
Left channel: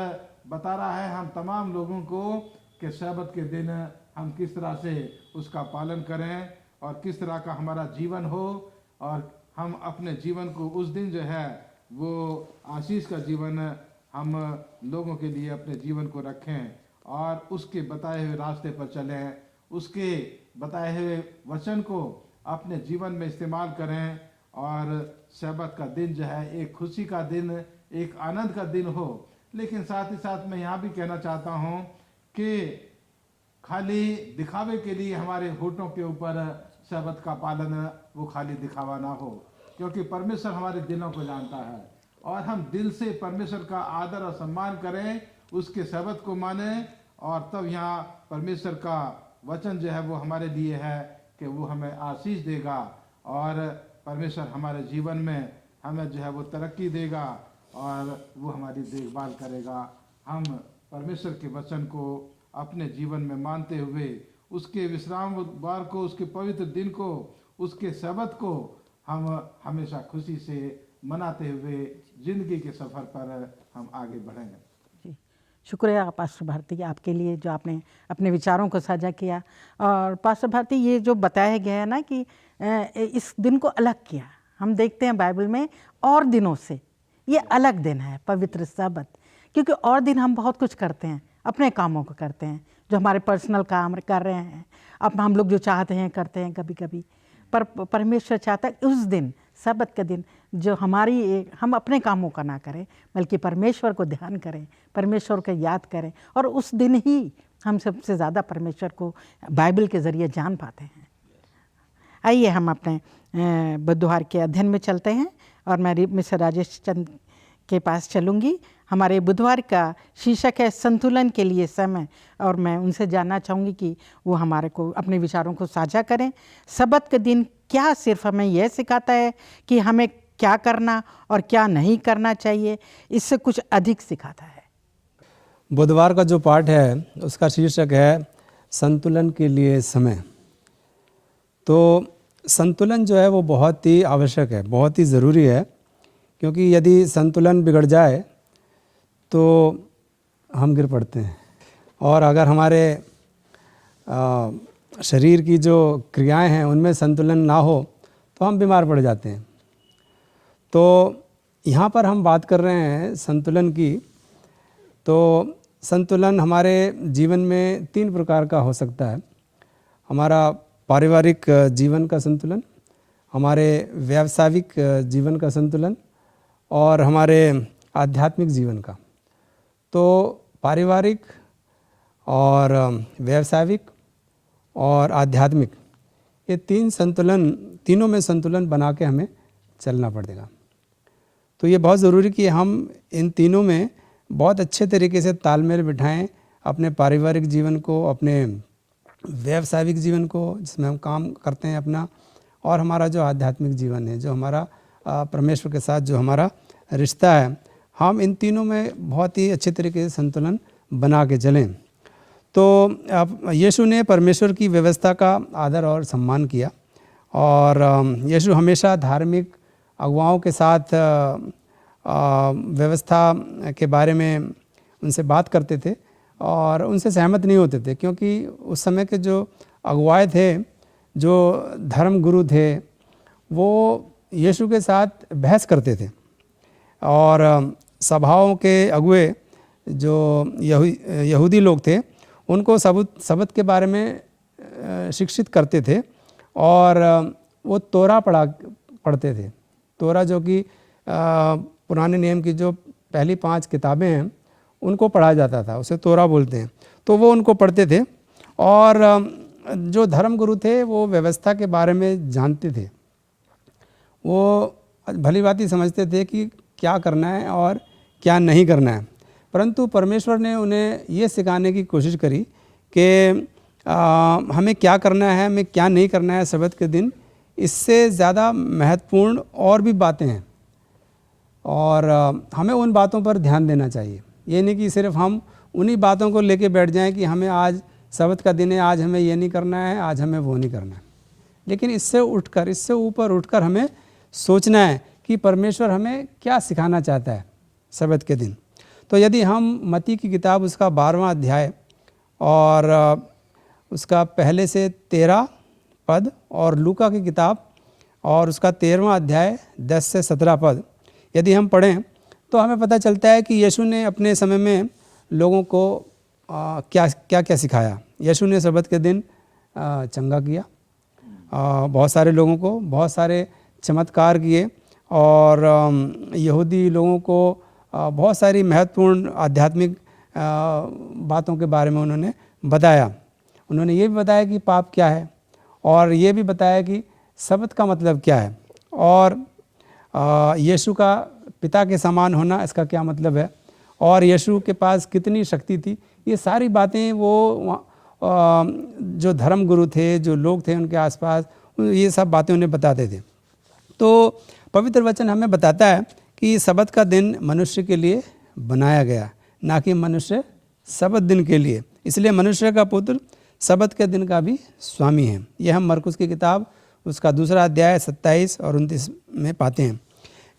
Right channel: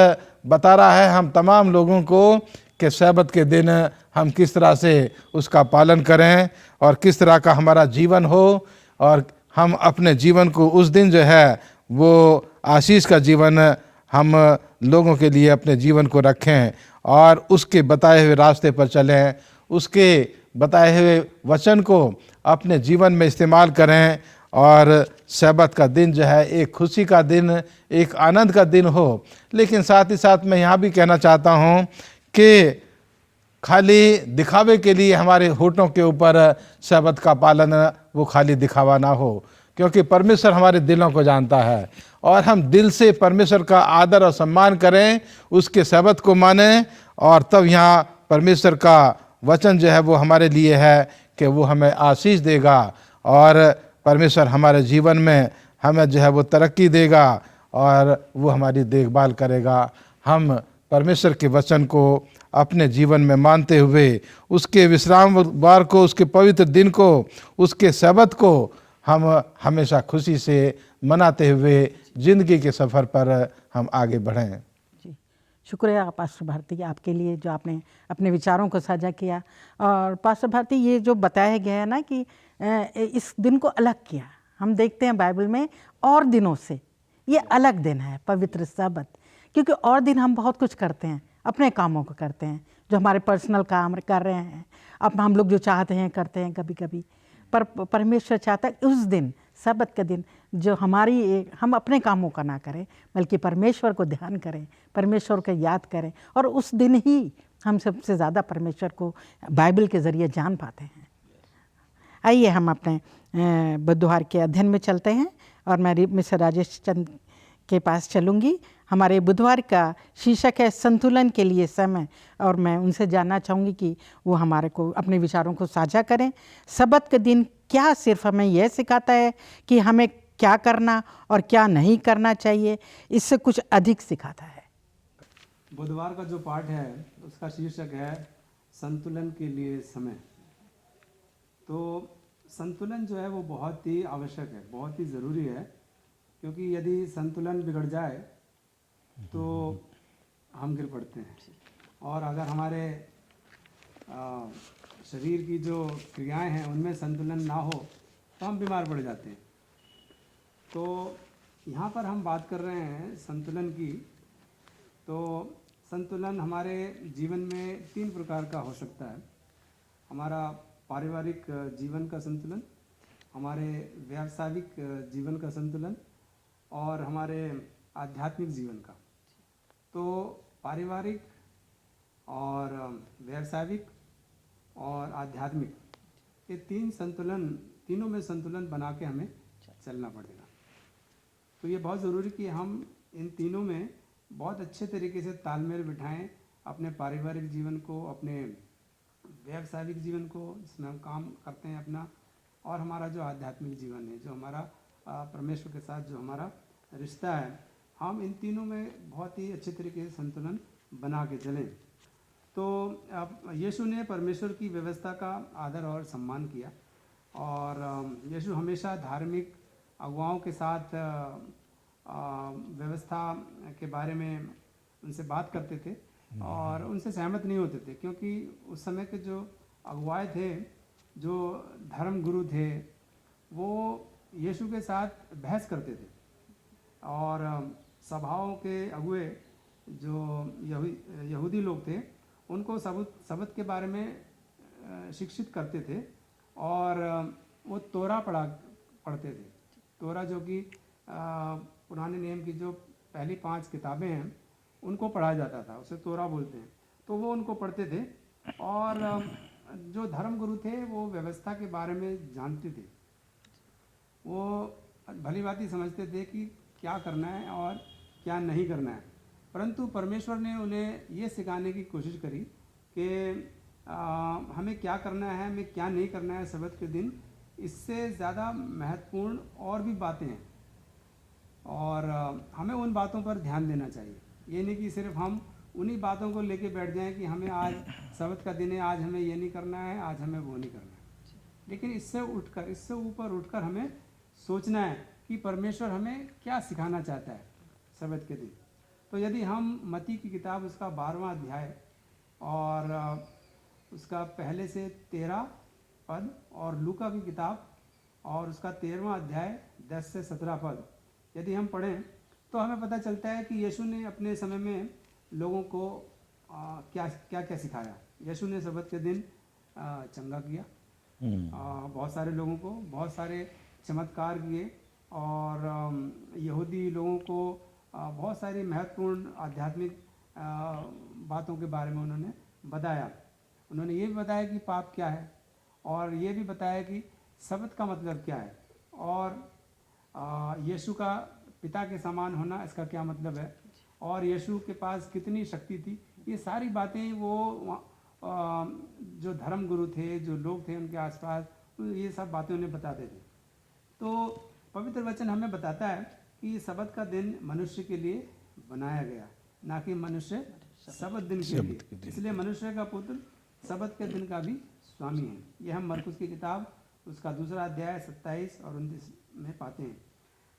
बता रहा है हम तमाम लोगों को कि सब्त के दिन हम किस तरह से उसका पालन करें और किस तरह का हमारा जीवन हो, और हम अपने जीवन को उस दिन जो है वो आशीष का जीवन हम लोगों के लिए अपने जीवन को रखें और उसके बताए हुए रास्ते पर चलें, उसके बताए हुए वचन को अपने जीवन में इस्तेमाल करें, और सब्त का दिन जो है एक खुशी का दिन, एक आनंद का दिन हो। लेकिन साथ ही साथ मैं यहाँ भी कहना चाहता हूँ कि खाली दिखावे के लिए हमारे होठों के ऊपर सब्त का पालन वो खाली दिखावा ना हो, क्योंकि परमेश्वर हमारे दिलों को जानता है, और हम दिल से परमेश्वर का आदर और सम्मान करें, उसके सब्त को मानें और तब यहाँ परमेश्वर का वचन जो है वो हमारे लिए है कि वो हमें आशीष देगा और परमेश्वर हमारे जीवन में हमें जो है वो तरक्की देगा और वो हमारी देखभाल करेगा। हम परमेश्वर के वचन को अपने जीवन में मानते हुए उसके विश्रामवार को, उसके पवित्र दिन को, उसके सब्त को हम हमेशा खुशी से मनाते हुए ज़िंदगी के सफ़र पर हम आगे बढ़ें। जी, शुक्रिया पास्टर भारती आपके लिए जो आपने अपने विचारों को साझा किया। और पास्टर भारती, ये जो बताया गया है ना कि इस दिन को अलग किया, हम देखते हैं बाइबल में और दिनों से ये अलग दिन है पवित्र सब्त, क्योंकि और दिन हम बहुत कुछ करते हैं, अपने कामों को करते हैं, जो हमारे पर्सनल काम कर रहे हैं, अब हम लोग जो चाहते हैं करते हैं कभी कभी, पर परमेश्वर चाहता है उस दिन सब्त के दिन जो हम अपने कामों का ना करें बल्कि परमेश्वर को ध्यान करें, परमेश्वर को याद करें, और उस दिन ही हम सबसे ज़्यादा परमेश्वर को बाइबल के ज़रिए जान पाते हैं। आइए हम अपने बुधवार के अध्ययन में चलते हैं और मैं मिस्टर राजेश चंद के पास चलूँगी। हमारे बुधवार का शीर्षक है संतुलन के लिए समय, और मैं उनसे जानना चाहूँगी कि वो हमारे को अपने विचारों को साझा करें। सब्त के दिन क्या सिर्फ हमें यह सिखाता है कि हमें क्या करना और क्या नहीं करना चाहिए, इससे कुछ अधिक सिखाता है। बुधवार का जो पाठ है उसका शीर्षक है संतुलन के लिए समय। तो संतुलन जो है वो बहुत ही आवश्यक है, बहुत ही ज़रूरी है, क्योंकि यदि संतुलन बिगड़ जाए तो हम गिर पड़ते हैं, और अगर हमारे शरीर की जो क्रियाएं हैं उनमें संतुलन ना हो तो हम बीमार पड़ जाते हैं। तो यहाँ पर हम बात कर रहे हैं संतुलन की। तो संतुलन हमारे जीवन में 3 प्रकार का हो सकता है। हमारा पारिवारिक जीवन का संतुलन, हमारे व्यावसायिक जीवन का संतुलन और हमारे आध्यात्मिक जीवन का। तो पारिवारिक और व्यावसायिक और आध्यात्मिक, ये 3 में संतुलन बना के हमें चलना पड़ेगा। तो ये बहुत ज़रूरी कि हम इन तीनों में बहुत अच्छे तरीके से तालमेल बिठाएं, अपने पारिवारिक जीवन को, अपने व्यावसायिक जीवन को जिसमें हम काम करते हैं अपना, और हमारा जो आध्यात्मिक जीवन है, जो हमारा परमेश्वर के साथ जो हमारा रिश्ता है, हम इन तीनों में बहुत ही अच्छे तरीके से संतुलन बना के चलें। तो यीशु ने परमेश्वर की व्यवस्था का आदर और सम्मान किया, और यीशु हमेशा धार्मिक अगुवाओं के साथ व्यवस्था के बारे में उनसे बात करते थे और उनसे सहमत नहीं होते थे, क्योंकि उस समय के जो अगुवाए थे, जो धर्म गुरु थे, वो यीशु के साथ बहस करते थे। और सभाओं के अगुए जो यहूदी लोग थे उनको सब्त के बारे में शिक्षित करते थे, और वो तोरा पढ़ते थे। तोरा जो कि पुराने नियम की जो पहली 5 किताबें हैं उनको पढ़ा जाता था, उसे तोरा बोलते हैं। तो वो उनको पढ़ते थे, और जो धर्म गुरु थे वो व्यवस्था के बारे में जानते थे। वो भली भांति समझते थे कि क्या करना है और क्या नहीं करना है, परंतु परमेश्वर ने उन्हें ये सिखाने की कोशिश करी कि हमें क्या करना है, हमें क्या नहीं करना है सब्त के दिन। इससे ज़्यादा महत्वपूर्ण और भी बातें हैं, और हमें उन बातों पर ध्यान देना चाहिए। ये नहीं कि सिर्फ हम उन्हीं बातों को लेके बैठ जाएं कि हमें आज सब्त का दिन है, आज हमें ये नहीं करना है, आज हमें वो नहीं करना है। लेकिन इससे उठकर, इससे ऊपर उठकर हमें सोचना है कि परमेश्वर हमें क्या सिखाना चाहता है सब्त के दिन। तो यदि हम मत्ती की किताब उसका 12वां अध्याय और उसका पहले से 13 पद, और लूका की किताब और उसका 13वां अध्याय 10 से 17 पद यदि हम पढ़ें तो हमें पता चलता है कि यीशु ने अपने समय में लोगों को क्या क्या सिखाया। यीशु ने सब्त के दिन चंगा किया, बहुत सारे लोगों को, बहुत सारे चमत्कार किए, और यहूदी लोगों को बहुत सारी महत्वपूर्ण आध्यात्मिक बातों के बारे में उन्होंने बताया। उन्होंने ये भी बताया कि पाप क्या है, और ये भी बताया कि सब्त का मतलब क्या है, और यीशु का पिता के समान होना इसका क्या मतलब है, और यीशु के पास कितनी शक्ति थी। ये सारी बातें वो जो धर्म गुरु थे, जो लोग थे उनके आसपास, ये सब बातें उन्हें बताते थे। तो पवित्र वचन हमें बताता है कि सबत का दिन मनुष्य के लिए बनाया गया, ना कि मनुष्य सबत दिन के लिए। इसलिए मनुष्य का पुत्र सबत के दिन का भी स्वामी है। यह हम मरकुस की किताब उसका 2 अध्याय 27 और 29 में पाते हैं।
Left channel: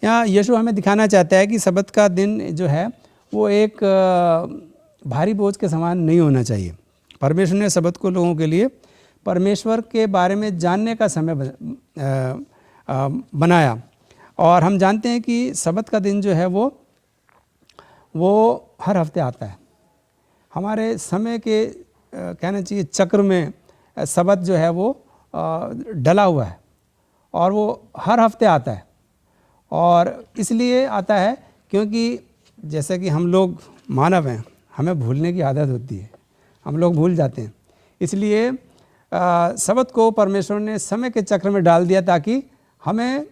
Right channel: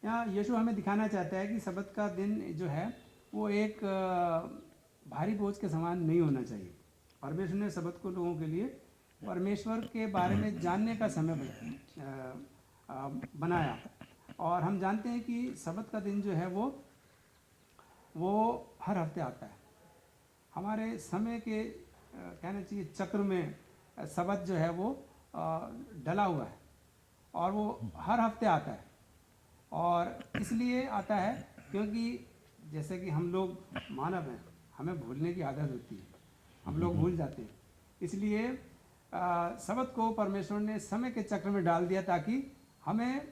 यहाँ यीशु हमें दिखाना चाहता है कि सबत का दिन जो है वो एक भारी बोझ के समान नहीं होना चाहिए। परमेश्वर ने सबत को लोगों के लिए परमेश्वर के बारे में जानने का समय बनाया। और हम जानते हैं कि सबत का दिन जो है वो हर हफ्ते आता है। हमारे समय के कहना चाहिए चक्र में सबत जो है वो डला हुआ है और वो हर हफ्ते आता है। और इसलिए आता है क्योंकि जैसे कि हम लोग मानव हैं, हमें भूलने की आदत होती है, हम लोग भूल जाते हैं। इसलिए सबत को परमेश्वर ने समय के चक्र में डाल दिया ताकि हमें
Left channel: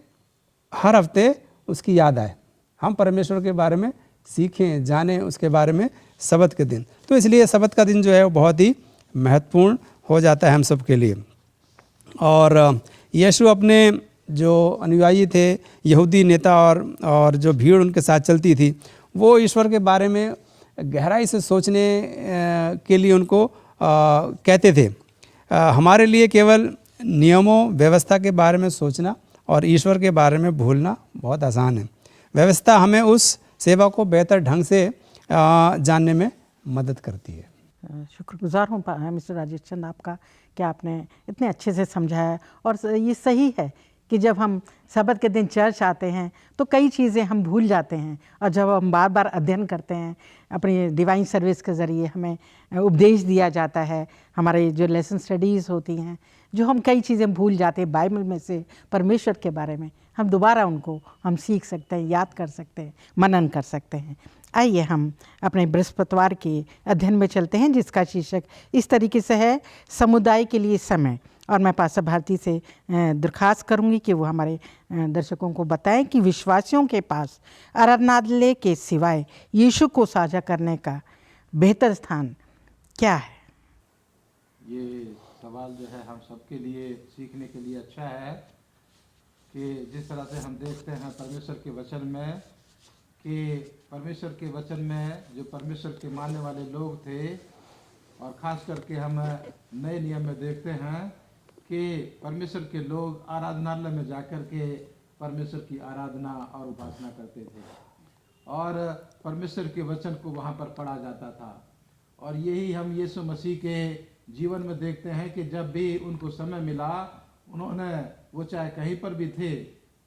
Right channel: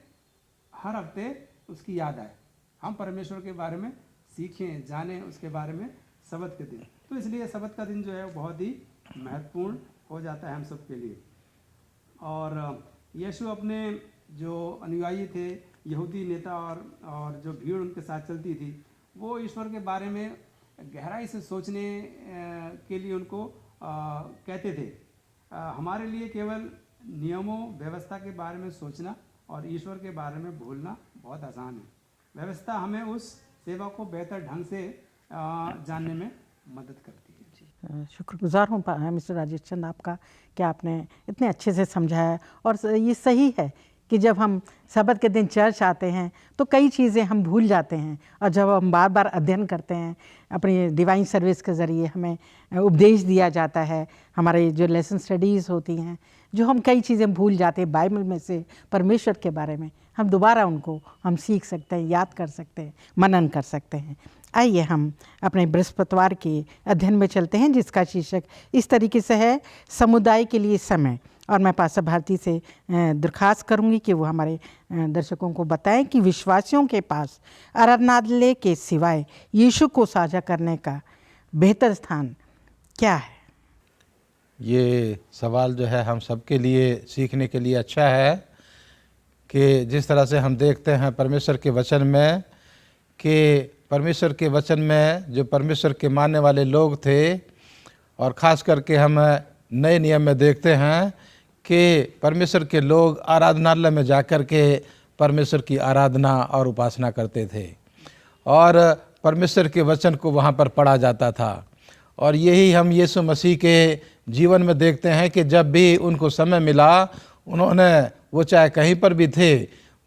हर हफ्ते उसकी याद आए, हम परमेश्वर के बारे में सीखें, जानें उसके बारे में सबत के दिन। तो इसलिए सबत का दिन जो है वो बहुत ही महत्वपूर्ण हो जाता है हम सब के लिए। और यीशु अपने जो अनुयायी थे, यहूदी नेता और जो भीड़ उनके साथ चलती थी, वो ईश्वर के बारे में गहराई से सोचने के लिए उनको कहते थे। हमारे लिए केवल नियमों व्यवस्था के बारे में सोचना और ईश्वर के बारे में भूलना बहुत आसान है। व्यवस्था हमें उस सेवा को बेहतर ढंग से जानने में मदद करती है। शुक्रगुजार हूँ मिस्टर राजेश चंद आपका कि आपने इतने अच्छे से समझाया। और ये सही है कि जब हम सबत के दिन चर्च आते हैं तो कई चीज़ें हम भूल जाते हैं, और जब हम बार बार अध्ययन करते हैं, अपनी डिवाइन सर्विस के ज़रिए हमें उपदेश दिया जाता है, हमारे जो लेसन स्टडीज़ होती हैं, जो हम कई चीज़ें भूल जाते हैं बाइबल में से, परमेश्वर के बारे में, हम दोबारा उनको हम सीख सकते हैं, याद कर सकते हैं, मनन कर सकते हैं। आइए हम अपने बृहस्पतिवार के अध्ययन में चलते हैं, जिसका शीर्षक इस तरीके से है, समुदाय के लिए समय। और मैं पास्टर भारती से दरख्वास्त करूंगी कि वो हमारे दर्शकों को बताएं कि विश्वासियों के पास आराधनालय के सिवाय यीशु को साझा करने का बेहतर स्थान क्या है। ये सवाल जो है हम सबके लिए सीखने के लिए अच्छा है कि जिस तरह से हम देखते हैं परमेश्वर के वचन में कि परमेश्वर के वचन में जो परमेश्वर के मानने वाले लोग थे, और ख़ास करके हम नए नियम में देखते हैं कि परमेश्वर के लोग आराधनालय में जाकर के परमेश्वर की आराधना और उपासना करते थे, और परमेश्वर के वचन को वहाँ पर पढ़ा जाता था। और यही हम यीशु मसीह के जीवन में देखते हैं कि जब भी उनको समय मिला, उन्होंने, वो चाहे कहीं पर भी थे,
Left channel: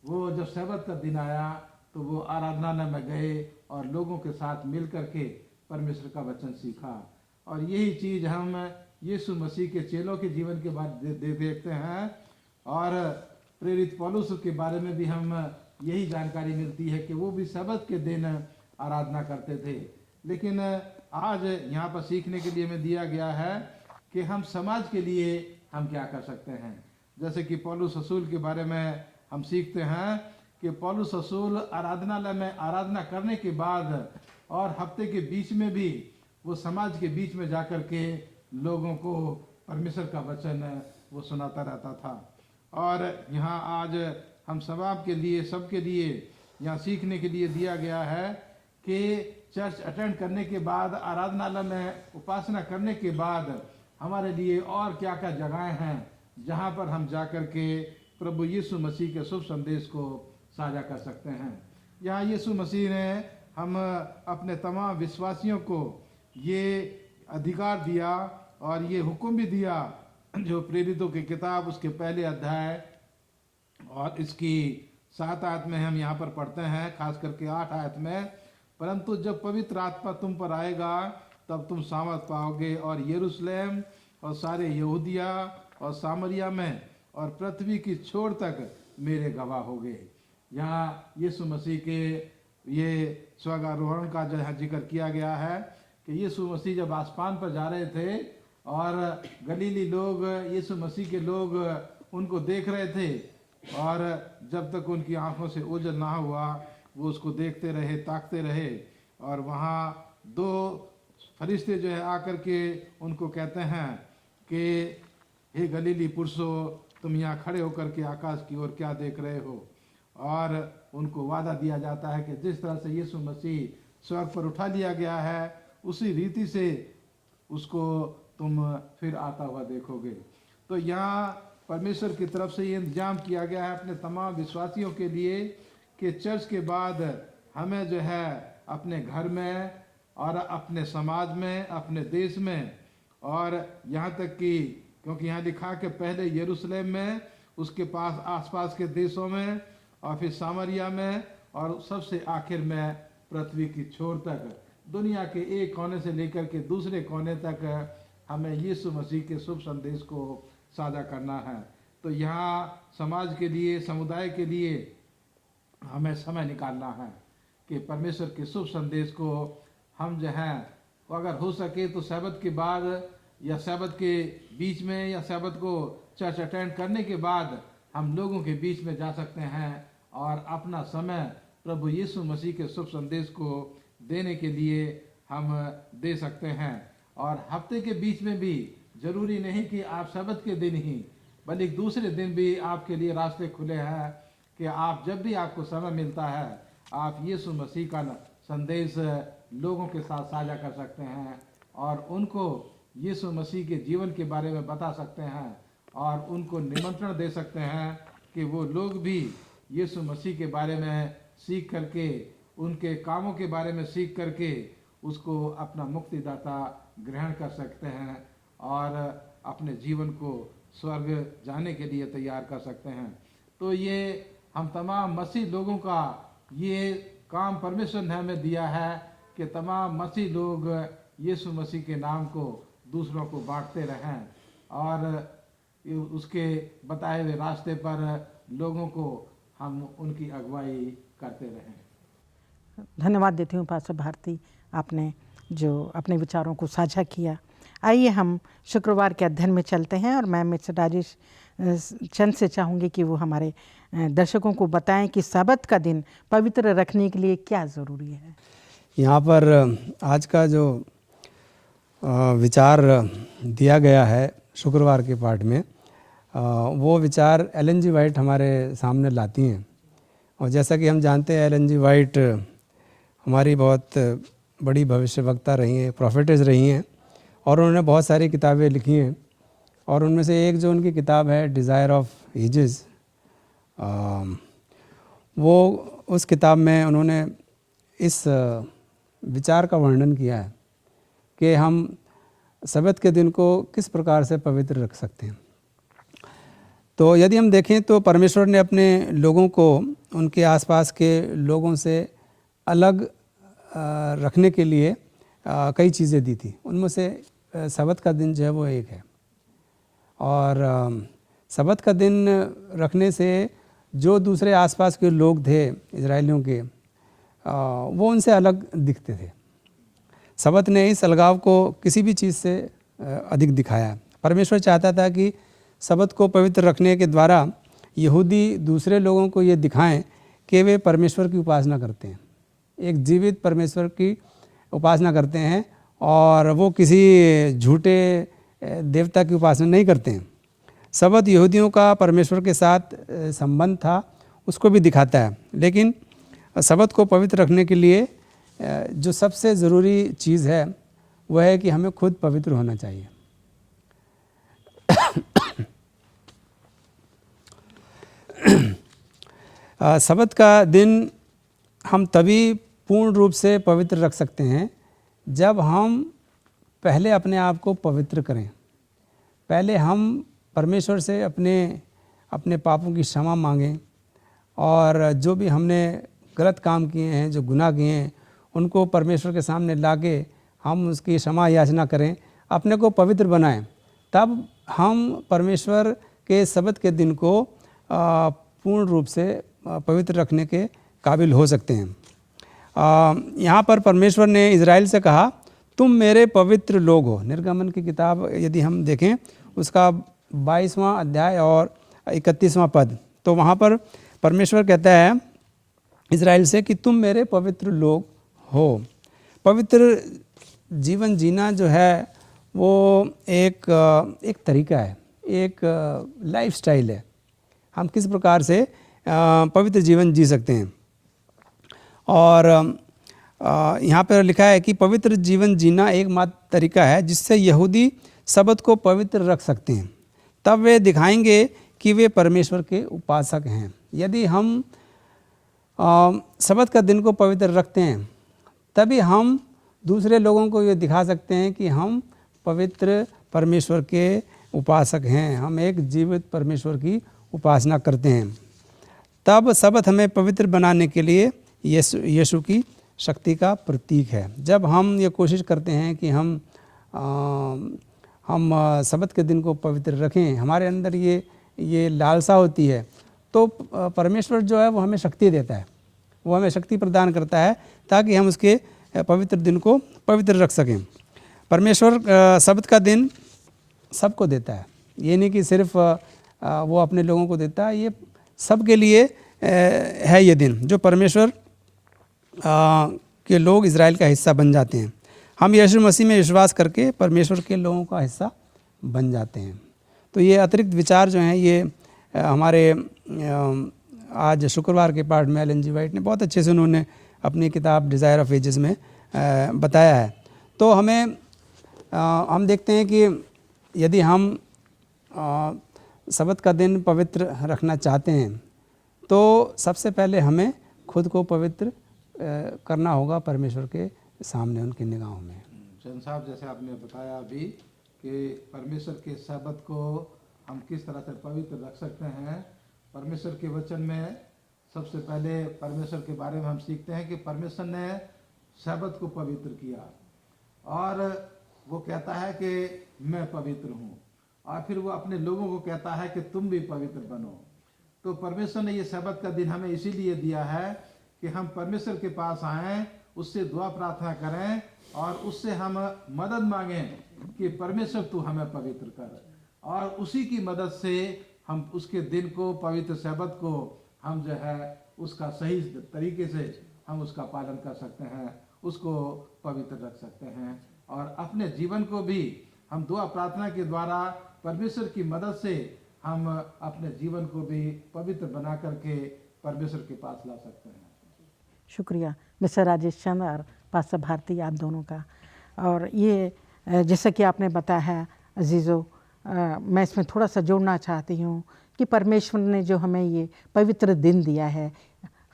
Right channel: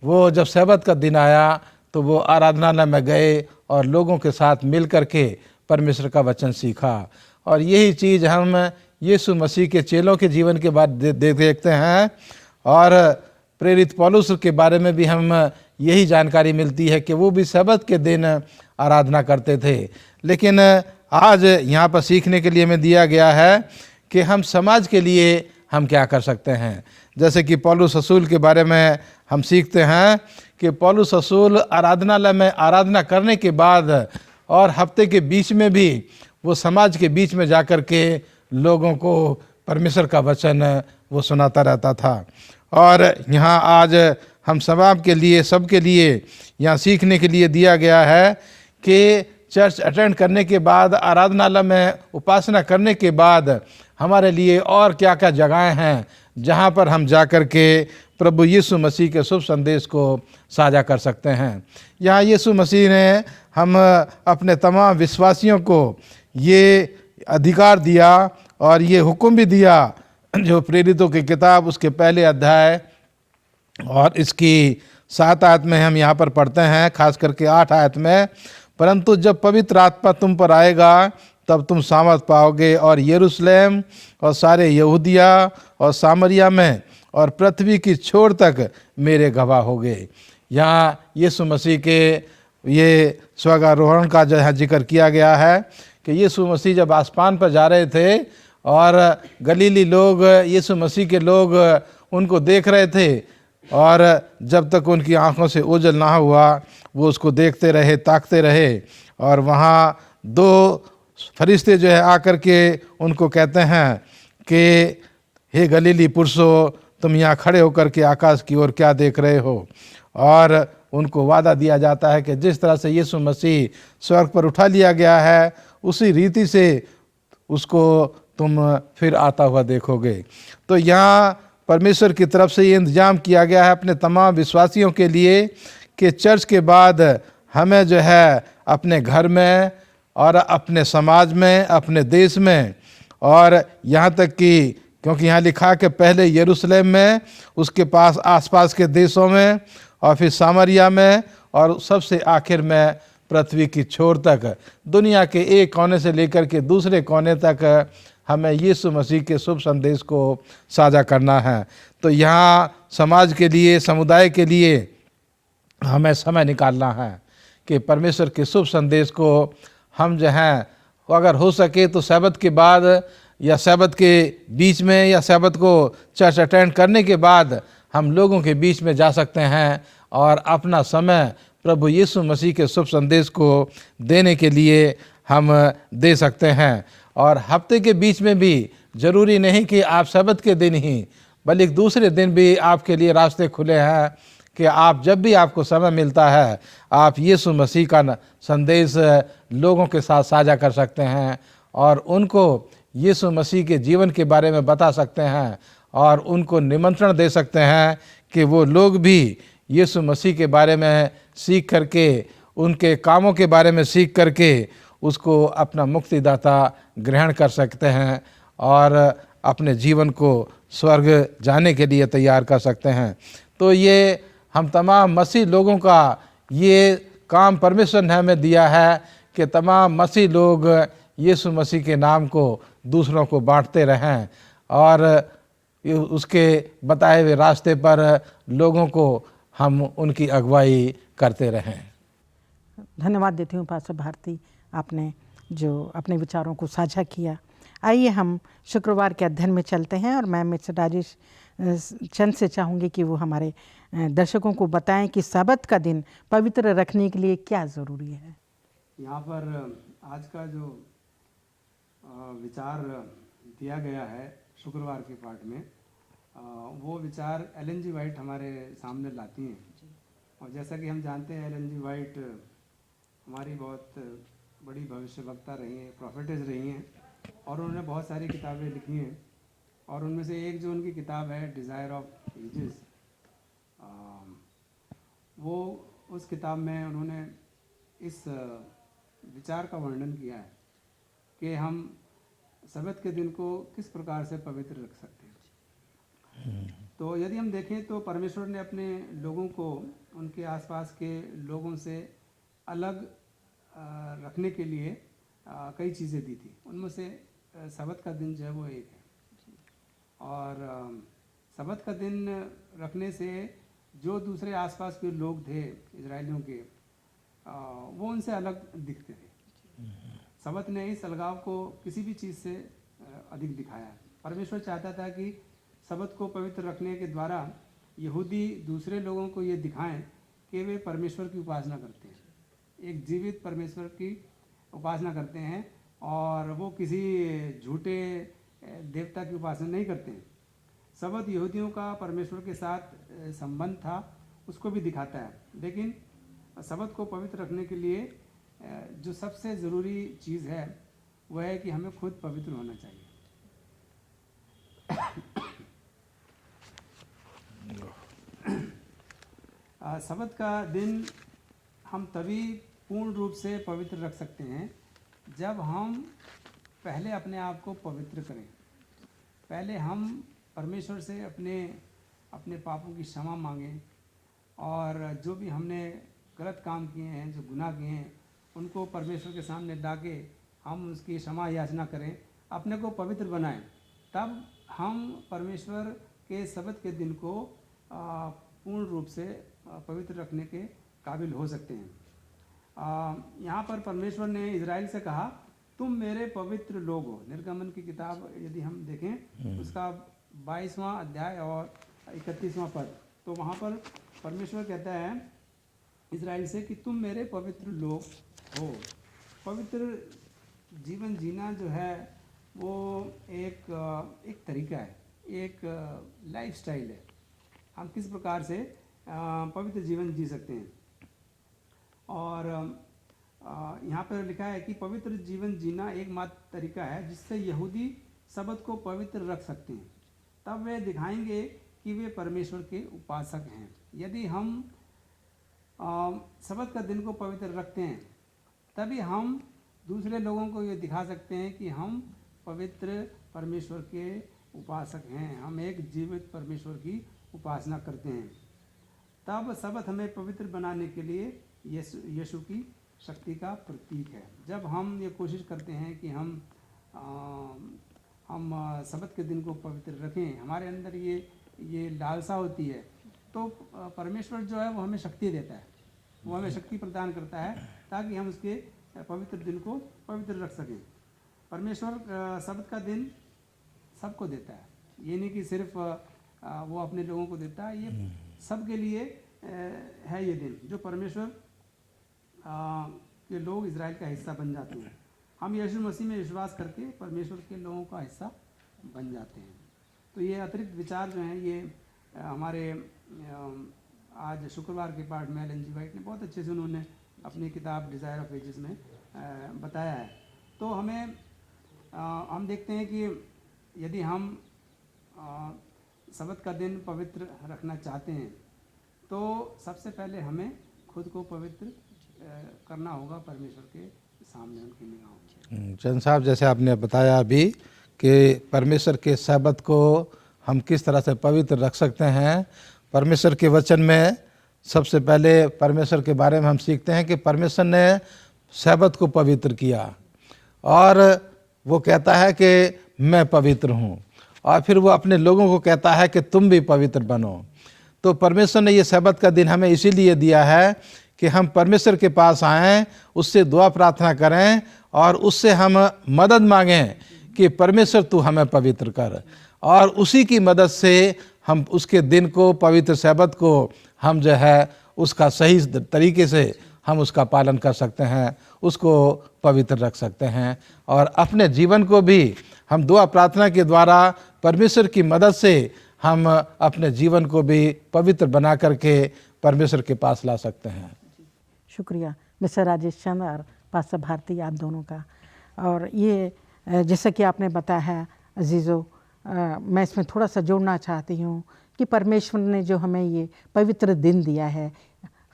वो जब सब्त का दिन आया तो वो आराधनालय में गए और लोगों के साथ मिल कर के परमेश्वर का वचन सीखा। और यही चीज़ हम यीशु मसीह के चेलों के जीवन के बाद देखते हैं, और प्रेरित पौलुस के बारे में भी हम यही जानकारी मिलती है कि वो भी सब्त के दिन आराधना करते थे। लेकिन आज यहाँ पर सीखने के लिए हमें दिया गया है कि हम समाज के लिए हम क्या कर सकते हैं। जैसे कि पौलुस रसूल के बारे में हम सीखते हैं कि पौलुस रसूल आराधनालय में आराधना करने के बाद और हफ्ते के बीच में भी वो समाज के बीच में जाकर के लोगों को परमेश्वर का वचन वो सुनाता रहता था। और यहाँ आज हम सबके लिए यहाँ सीखने के लिए दिया गया है कि चर्च अटेंड करने के बाद, आराधनालय में उपासना करने के बाद हमारे लिए और क्या क्या जगहें हैं जहाँ पर हम जाकर के प्रभु यीशु मसीह के शुभ संदेश को साझा कर सकते हैं। यहाँ यीशु मसीह ने हम अपने तमाम विश्वासियों को ये अधिकार दिया और ये हुक्म भी दिया, जो प्रेरितों की किताब उसके पहले अध्याय और इसकी 7 आयत में हम यहाँ पर पढ़ते हैं, खास करके 8 आयत में, परंतु जब पवित्र आत्मा तुम पर आएगा तब तुम सामर्थ पाओगे और यरूशलेम और सारे यहूदिया और सामरिया में और पृथ्वी की छोर तक मेरे गवाह होगे। यहाँ यीशु मसीह के ये स्वर्गारोहण का जो है जिक्र किया गया है कि यीशु मसीह जब आसमान पर जा रहे थे और गलीली लोग, यीशु मसीह के लोग उनको देख रहे थे, और जब तक उनकी आंखों से ओझल ना हुआ वो उसको देखते रहे, ताकते रहे। और वहाँ 2 फरिश्ते जो है आकर के उनको कहते हैं कि हे गलीली पुरुषों, तुम यहाँ खड़े होकर के आकाश की ओर क्या देख रहे हो। और उनको वादा दिया जाता है कि जिस तरह से यीशु मसीह स्वर्ग पर उठा लिया गया है, उसी रीति से उसको तुम फिर आता हुआ देखोगे। तो यहाँ परमेश्वर की तरफ से ये इंतजाम किया गया है अपने तमाम विश्वासियों के लिए कि चर्च के बाद हमें जो है अपने घर में और अपने समाज में, अपने देश में, और यहाँ तक कि क्योंकि यहाँ लिखा कि पहले यरूशलेम में, उसके पास आसपास के देशों में, और फिर सामरिया में, और सबसे आखिर में पृथ्वी की छोर तक, दुनिया के एक कोने से लेकर के दूसरे कोने तक हमें यीशु मसीह के शुभ संदेश को साझा करना है। तो यहाँ समाज के लिए, समुदाय के लिए हमें समय निकालना है कि परमेश्वर के शुभ संदेश को हम जो हैं, अगर हो सके तो सब्त के बाद या सब्त के बीच में या सब्त को चर्च अटेंड करने के बाद हम लोगों के बीच में जा सकते हैं और अपना समय प्रभु यीशु मसीह के शुभ संदेश को देने के लिए हम दे सकते हैं। और हफ्ते के बीच में भी ज़रूरी नहीं कि आप सब्त के दिन ही, बल्कि दूसरे दिन भी आपके लिए रास्ते खुले हैं कि आप जब भी आपको समय मिलता है, आप यीशु मसीह का संदेश लोगों के साथ साझा कर सकते हैं और उनको यीशु मसीह के जीवन के बारे में बता सकते हैं और उनको निमंत्रण दे सकते हैं कि वो लोग भी यीशु मसीह के बारे में सीख करके, उनके कामों के बारे में सीख करके उसको अपना मुक्तिदाता ग्रहण कर सकते हैं और अपने जीवन को स्वर्ग जाने के लिए तैयार कर सकते हैं। तो ये हम तमाम मसीह लोगों का ये काम परमेश्वर ने हमें दिया है कि तमाम मसीह लोग यीशु मसीह के नाम को दूसरों को बांटते रहें और उसके बताए हुए रास्ते पर लोगों को हम उनकी अगुवाई करते रहें। धन्यवाद देती हूँ पास्टर भारती, आपने जो अपने विचारों को साझा किया। आइए हम शुक्रवार के अध्ययन में चलते हैं और मैं मिस्टर राजेश चंद से चाहूँगी कि वो हमारे दर्शकों को बताएं कि सब्त का दिन पवित्र रखने के लिए क्या ज़रूरी है। यहाँ पर आज का जो विचार दिया गया है शुक्रवार के पाठ में, वो विचार एलन जी वाइट हमारे सामने लाती हैं। और जैसा कि हम जानते हैं, एलन जी वाइट हमारी बहुत बड़ी भविष्यवक्ता रही हैं, प्रोफेटेस रही हैं और उन्होंने बहुत सारी किताबें लिखी हैं। और उनमें से एक जो उनकी किताब है डिज़ायर ऑफ एजेस, वो उस किताब में उन्होंने इस विचार का वर्णन किया है कि हम सब्त के दिन को किस प्रकार से पवित्र रख सकते हैं। तो यदि हम देखें तो परमेश्वर ने अपने लोगों को उनके आसपास के लोगों से अलग रखने के लिए कई चीज़ें दी थी। उनमें से सब्त का दिन जो है वो एक है। और सब्त का दिन रखने से जो दूसरे आसपास के लोग थे इजरायलियों के, वो उनसे अलग दिखते थे। सब्त ने इस अलगाव को किसी भी चीज़ से अधिक दिखाया। परमेश्वर चाहता था कि सब्त को पवित्र रखने के द्वारा यहूदी दूसरे लोगों को ये दिखाएं कि वे परमेश्वर की उपासना करते हैं, एक जीवित परमेश्वर की उपासना करते हैं और वो किसी झूठे देवता की उपासना नहीं करते हैं। सब्त यहूदियों का परमेश्वर के साथ संबंध था, उसको भी दिखाता है। लेकिन सब्त को पवित्र रखने के लिए जो सबसे ज़रूरी चीज़ है वह है कि हमें खुद पवित्र होना चाहिए। सब्त का दिन हम तभी पूर्ण रूप से पवित्र रख सकते हैं जब हम पहले अपने आप को पवित्र करें। पहले हम परमेश्वर से अपने पापों की क्षमा मांगें और जो भी हमने गलत काम किए हैं, जो गुनाह किए हैं, उनको परमेश्वर के सामने लाके हम उसकी क्षमा याचना करें, अपने को पवित्र बनाएं। तब हम परमेश्वर के सब्त के दिन को पूर्ण रूप से पवित्र रखने के काबिल हो सकते हैं। यहाँ पर परमेश्वर ने इज़राइल से कहा, तुम मेरे पवित्र लोग हो। निर्गमन की किताब यदि हम देखें उसका 22वां अध्याय और 31वां पद, तो वहाँ पर परमेश्वर कहता है इज़राइल से कि तुम मेरे पवित्र लोग हो। पवित्र जीवन जीना जो है वो एक तरीका है, एक लाइफस्टाइल है। हम किस प्रकार से पवित्र जीवन जी सकते हैं। और यहाँ पर लिखा है कि पवित्र जीवन जीना एकमात्र तरीका है जिससे यहूदी सबत को पवित्र रख सकते हैं, तब वे दिखाएंगे कि वे परमेश्वर के उपासक हैं। यदि हम सबत का दिन को पवित्र रखते हैं तभी हम दूसरे लोगों को ये दिखा सकते हैं कि हम पवित्र परमेश्वर के उपासक हैं, हम एक जीवित परमेश्वर की उपासना करते हैं। तब सबत हमें पवित्र बनाने के लिए यीशु की शक्ति का प्रतीक है। जब हम ये कोशिश करते हैं कि हम सबत के दिन को पवित्र रखें, हमारे अंदर ये लालसा होती है, तो परमेश्वर जो है वो हमें शक्ति देता है, वो हमें शक्ति प्रदान करता है ताकि हम उसके पवित्र दिन को पवित्र रख सकें। परमेश्वर सबत का दिन सबको देता है, ये नहीं कि सिर्फ वो अपने लोगों को देता है, ये सबके लिए है ये दिन, जो परमेश्वर के लोग इज़राइल का हिस्सा बन जाते हैं। हम यीशु मसीह में विश्वास करके परमेश्वर के लोगों का हिस्सा बन जाते हैं। तो ये अतिरिक्त विचार जो हैं ये हमारे आज शुक्रवार के पाठ में एलन जी वाइट ने बहुत अच्छे से उन्होंने अपनी किताब डिज़ायर ऑफ एजेस में बताया है। तो हम देखते हैं कि यदि हम सबत का दिन पवित्र रखना चाहते हैं तो सबसे पहले हमें खुद को पवित्र करना होगा परमेश्वर के सामने, उनकी निगाहों में। चंद साहब, जैसे आपने बताया अभी कि परमेश्वर के सबत को हम किस तरह से पवित्र रख सकते हैं, परमेश्वर के वचन में सबसे पहले परमेश्वर के बारे में हम सीखते हैं कि परमेश्वर ने सबत को पवित्र किया और वो कहता है कि मैं पवित्र हूँ, और फिर वो अपने लोगों को कहता है कि तुम भी पवित्र बनो। तो परमेश्वर ने ये सबत का दिन हमें इसीलिए दिया है कि हम परमेश्वर के पास आएँ, उससे दुआ प्रार्थना करें और उससे हम मदद मांगें कि परमेश्वर तू हमें पवित्र कर, और उसी की मदद से हम उसके दिन को, पवित्र सबत को हम जो है उसका सही तरीके से हम उसका पालन कर सकते हैं, उसको पवित्र रख सकते हैं, और अपने जीवन को भी हम दुआ प्रार्थना के द्वारा परमेश्वर की मदद से हम अपने जीवन को भी पवित्र बना करके परमेश्वर के पास ला सकते हैं। शुक्रिया मिस्टर राजेश चंद और पास्टर भारती, आप दोनों का। और ये जैसा कि आपने बताया है अजीज़ों, मैं इसमें थोड़ा सा जोड़ना चाहती हूँ कि परमेश्वर ने जो हमें ये पवित्र दिन दिया है,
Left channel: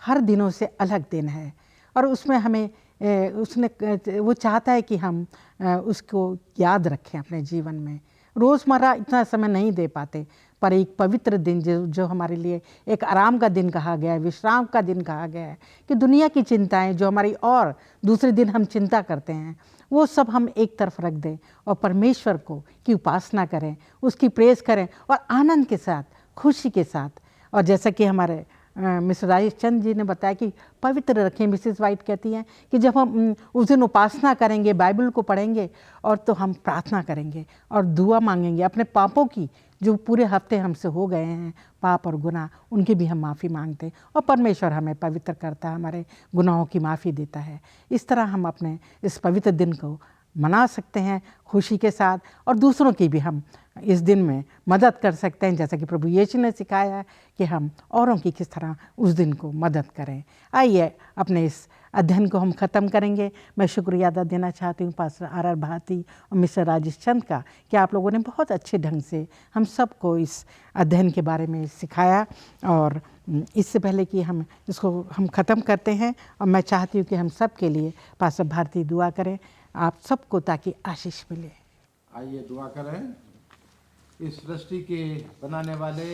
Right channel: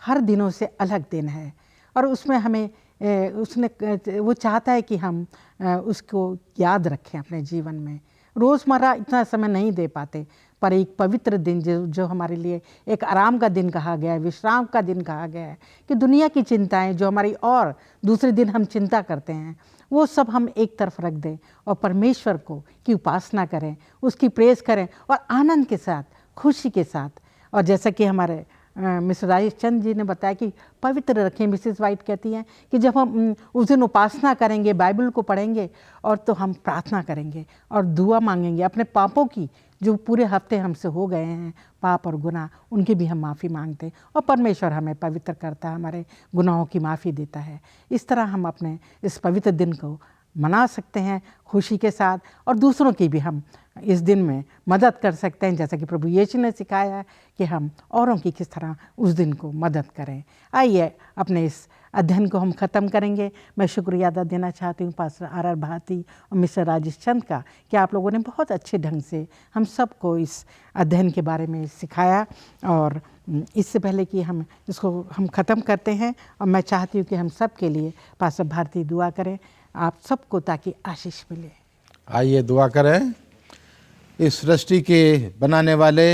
हर दिनों से अलग दिन है, और उसमें हमें वो चाहता है कि हम उसको याद रखें अपने जीवन में। रोज़मर्रा इतना समय नहीं दे पाते, पर एक पवित्र दिन जो हमारे लिए एक आराम का दिन कहा गया है, विश्राम का दिन कहा गया है, कि दुनिया की चिंताएं जो हमारी और दूसरे दिन हम चिंता करते हैं वो सब हम एक तरफ रख दें और परमेश्वर को की उपासना करें, उसकी प्रेज़ करें और आनंद के साथ, खुशी के साथ। और जैसा कि हमारे मिस्टर राजेश चंद जी ने बताया कि पवित्र रखें, मिसेस वाइट कहती हैं कि जब हम उस दिन उपासना करेंगे, बाइबल को पढ़ेंगे और तो हम प्रार्थना करेंगे और दुआ मांगेंगे अपने पापों की, जो पूरे हफ्ते हमसे हो गए हैं पाप और गुनाह, उनकी भी हम माफ़ी मांगते हैं और परमेश्वर हमें पवित्र करता है, हमारे गुनाहों की माफ़ी देता है। इस तरह हम अपने इस पवित्र दिन को मना सकते हैं खुशी के साथ, और दूसरों की भी हम इस दिन में मदद कर सकते हैं, जैसा कि प्रभु यीशु ने सिखाया है कि हम औरों की किस तरह उस दिन को मदद करें। आइए अपने इस अध्ययन को हम ख़त्म करेंगे। मैं शुक्रिया अदा देना चाहती हूँ पास्टर आर भारती और मिस्टर राजेश चंद का कि आप लोगों ने बहुत अच्छे ढंग से हम सबको इस अध्ययन के बारे में सिखाया। और इससे पहले कि हम इसको ख़त्म करते हैं, और मैं चाहती हूँ कि हम सब के लिए पास्टर भारती दुआ करें आप सबको, ताकि आशीष मिले। आइए दुआ करें। इस सृष्टि के बनाने वाले,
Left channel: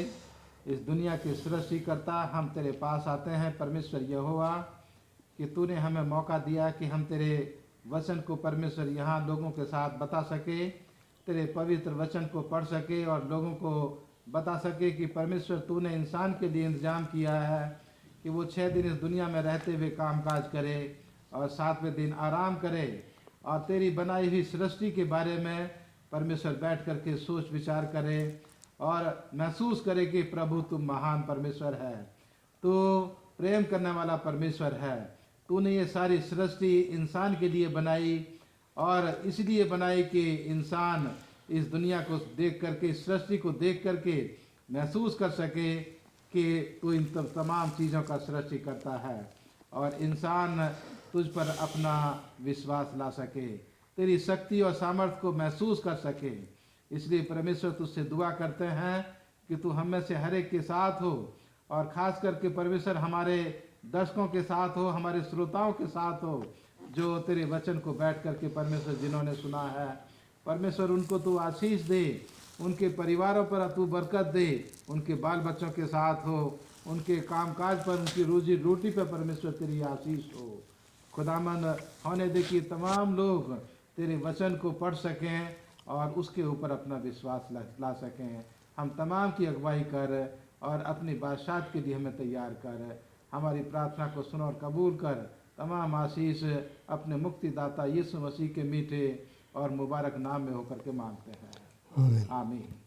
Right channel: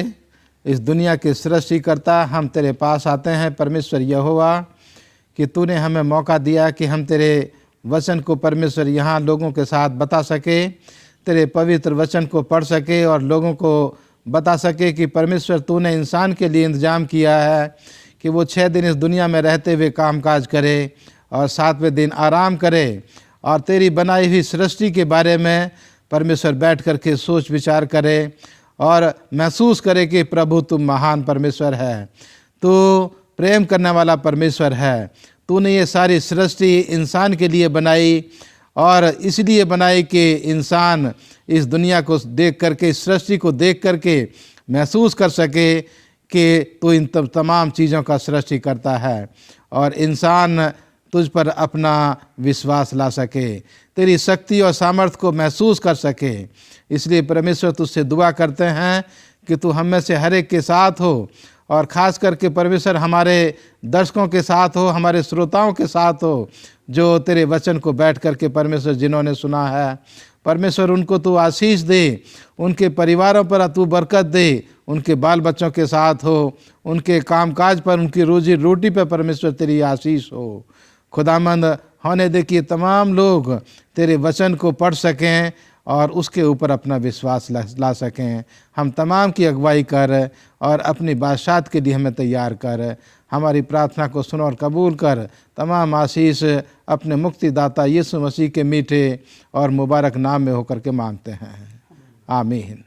इस दुनिया के सृष्टिकर्ता, हम तेरे पास आते हैं परमेश्वर यहोवा, कि तूने हमें मौका दिया कि हम तेरे वचन को परमेश्वर यहाँ लोगों के साथ बता सके, तेरे पवित्र वचन को पढ़ सके और लोगों को बता सके कि परमेश्वर तूने इंसान के लिए इंतज़ाम किया है कि वो 6 दिन इस दुनिया में रहते हुए कामकाज करे और 7वें दिन आराम करे, और तेरी बनाई हुई सृष्टि के बारे में परमेश्वर बैठ कर के सोच विचार करे और महसूस करे कि प्रभु तुम महान परमेश्वर है, तू प्रेम करने वाला परमेश्वर है। तूने ये सारी सृष्टि इंसान के लिए बनाई और इसलिए बनाई कि इंसान इस दुनिया को देख करके, इस सृष्टि को देख करके महसूस कर सके कि तू इन तमाम चीज़ों का सृष्टि करता है और इंसान तुझ पर अपना विश्वास ला सके, तेरी शक्ति और सामर्थ्य को महसूस कर सके। इसलिए परमेश्वर तुझसे दुआ करते हैं कि तू हम में से हर एक के साथ हो और ख़ास करके परमेश्वर हमारे दर्शकों के साथ हो, हमारे श्रोताओं के साथ हो, जो तेरे वचन को बैठ करके परमेश्वर जिन्होंने सुना है। परमेश्वर उनको तू आशीष दे, उनके परिवारों पर तू बरकत दे, उनके बाल बच्चों के साथ हो, उनके कामकाज पर, उनकी रोजी रोटी पर परमेश्वर तेरी आशीष हो। खुदामंद होने दे कि तमाम लोग तेरे वचन को पढ़ सकें और उसके ऊपर अपना विश्वास ला सकें। हम तमाम की अगुवाई कर और अपनी बादशाहत के लिए हमें तैयार कर। हमारी प्रार्थना को सुन और कबूल कर। तमाम आशीष अपने मुक्तिदाता यीशु मसीह के मीठे और मुबारक नाम में होकर के मांगते हैं, आमीन।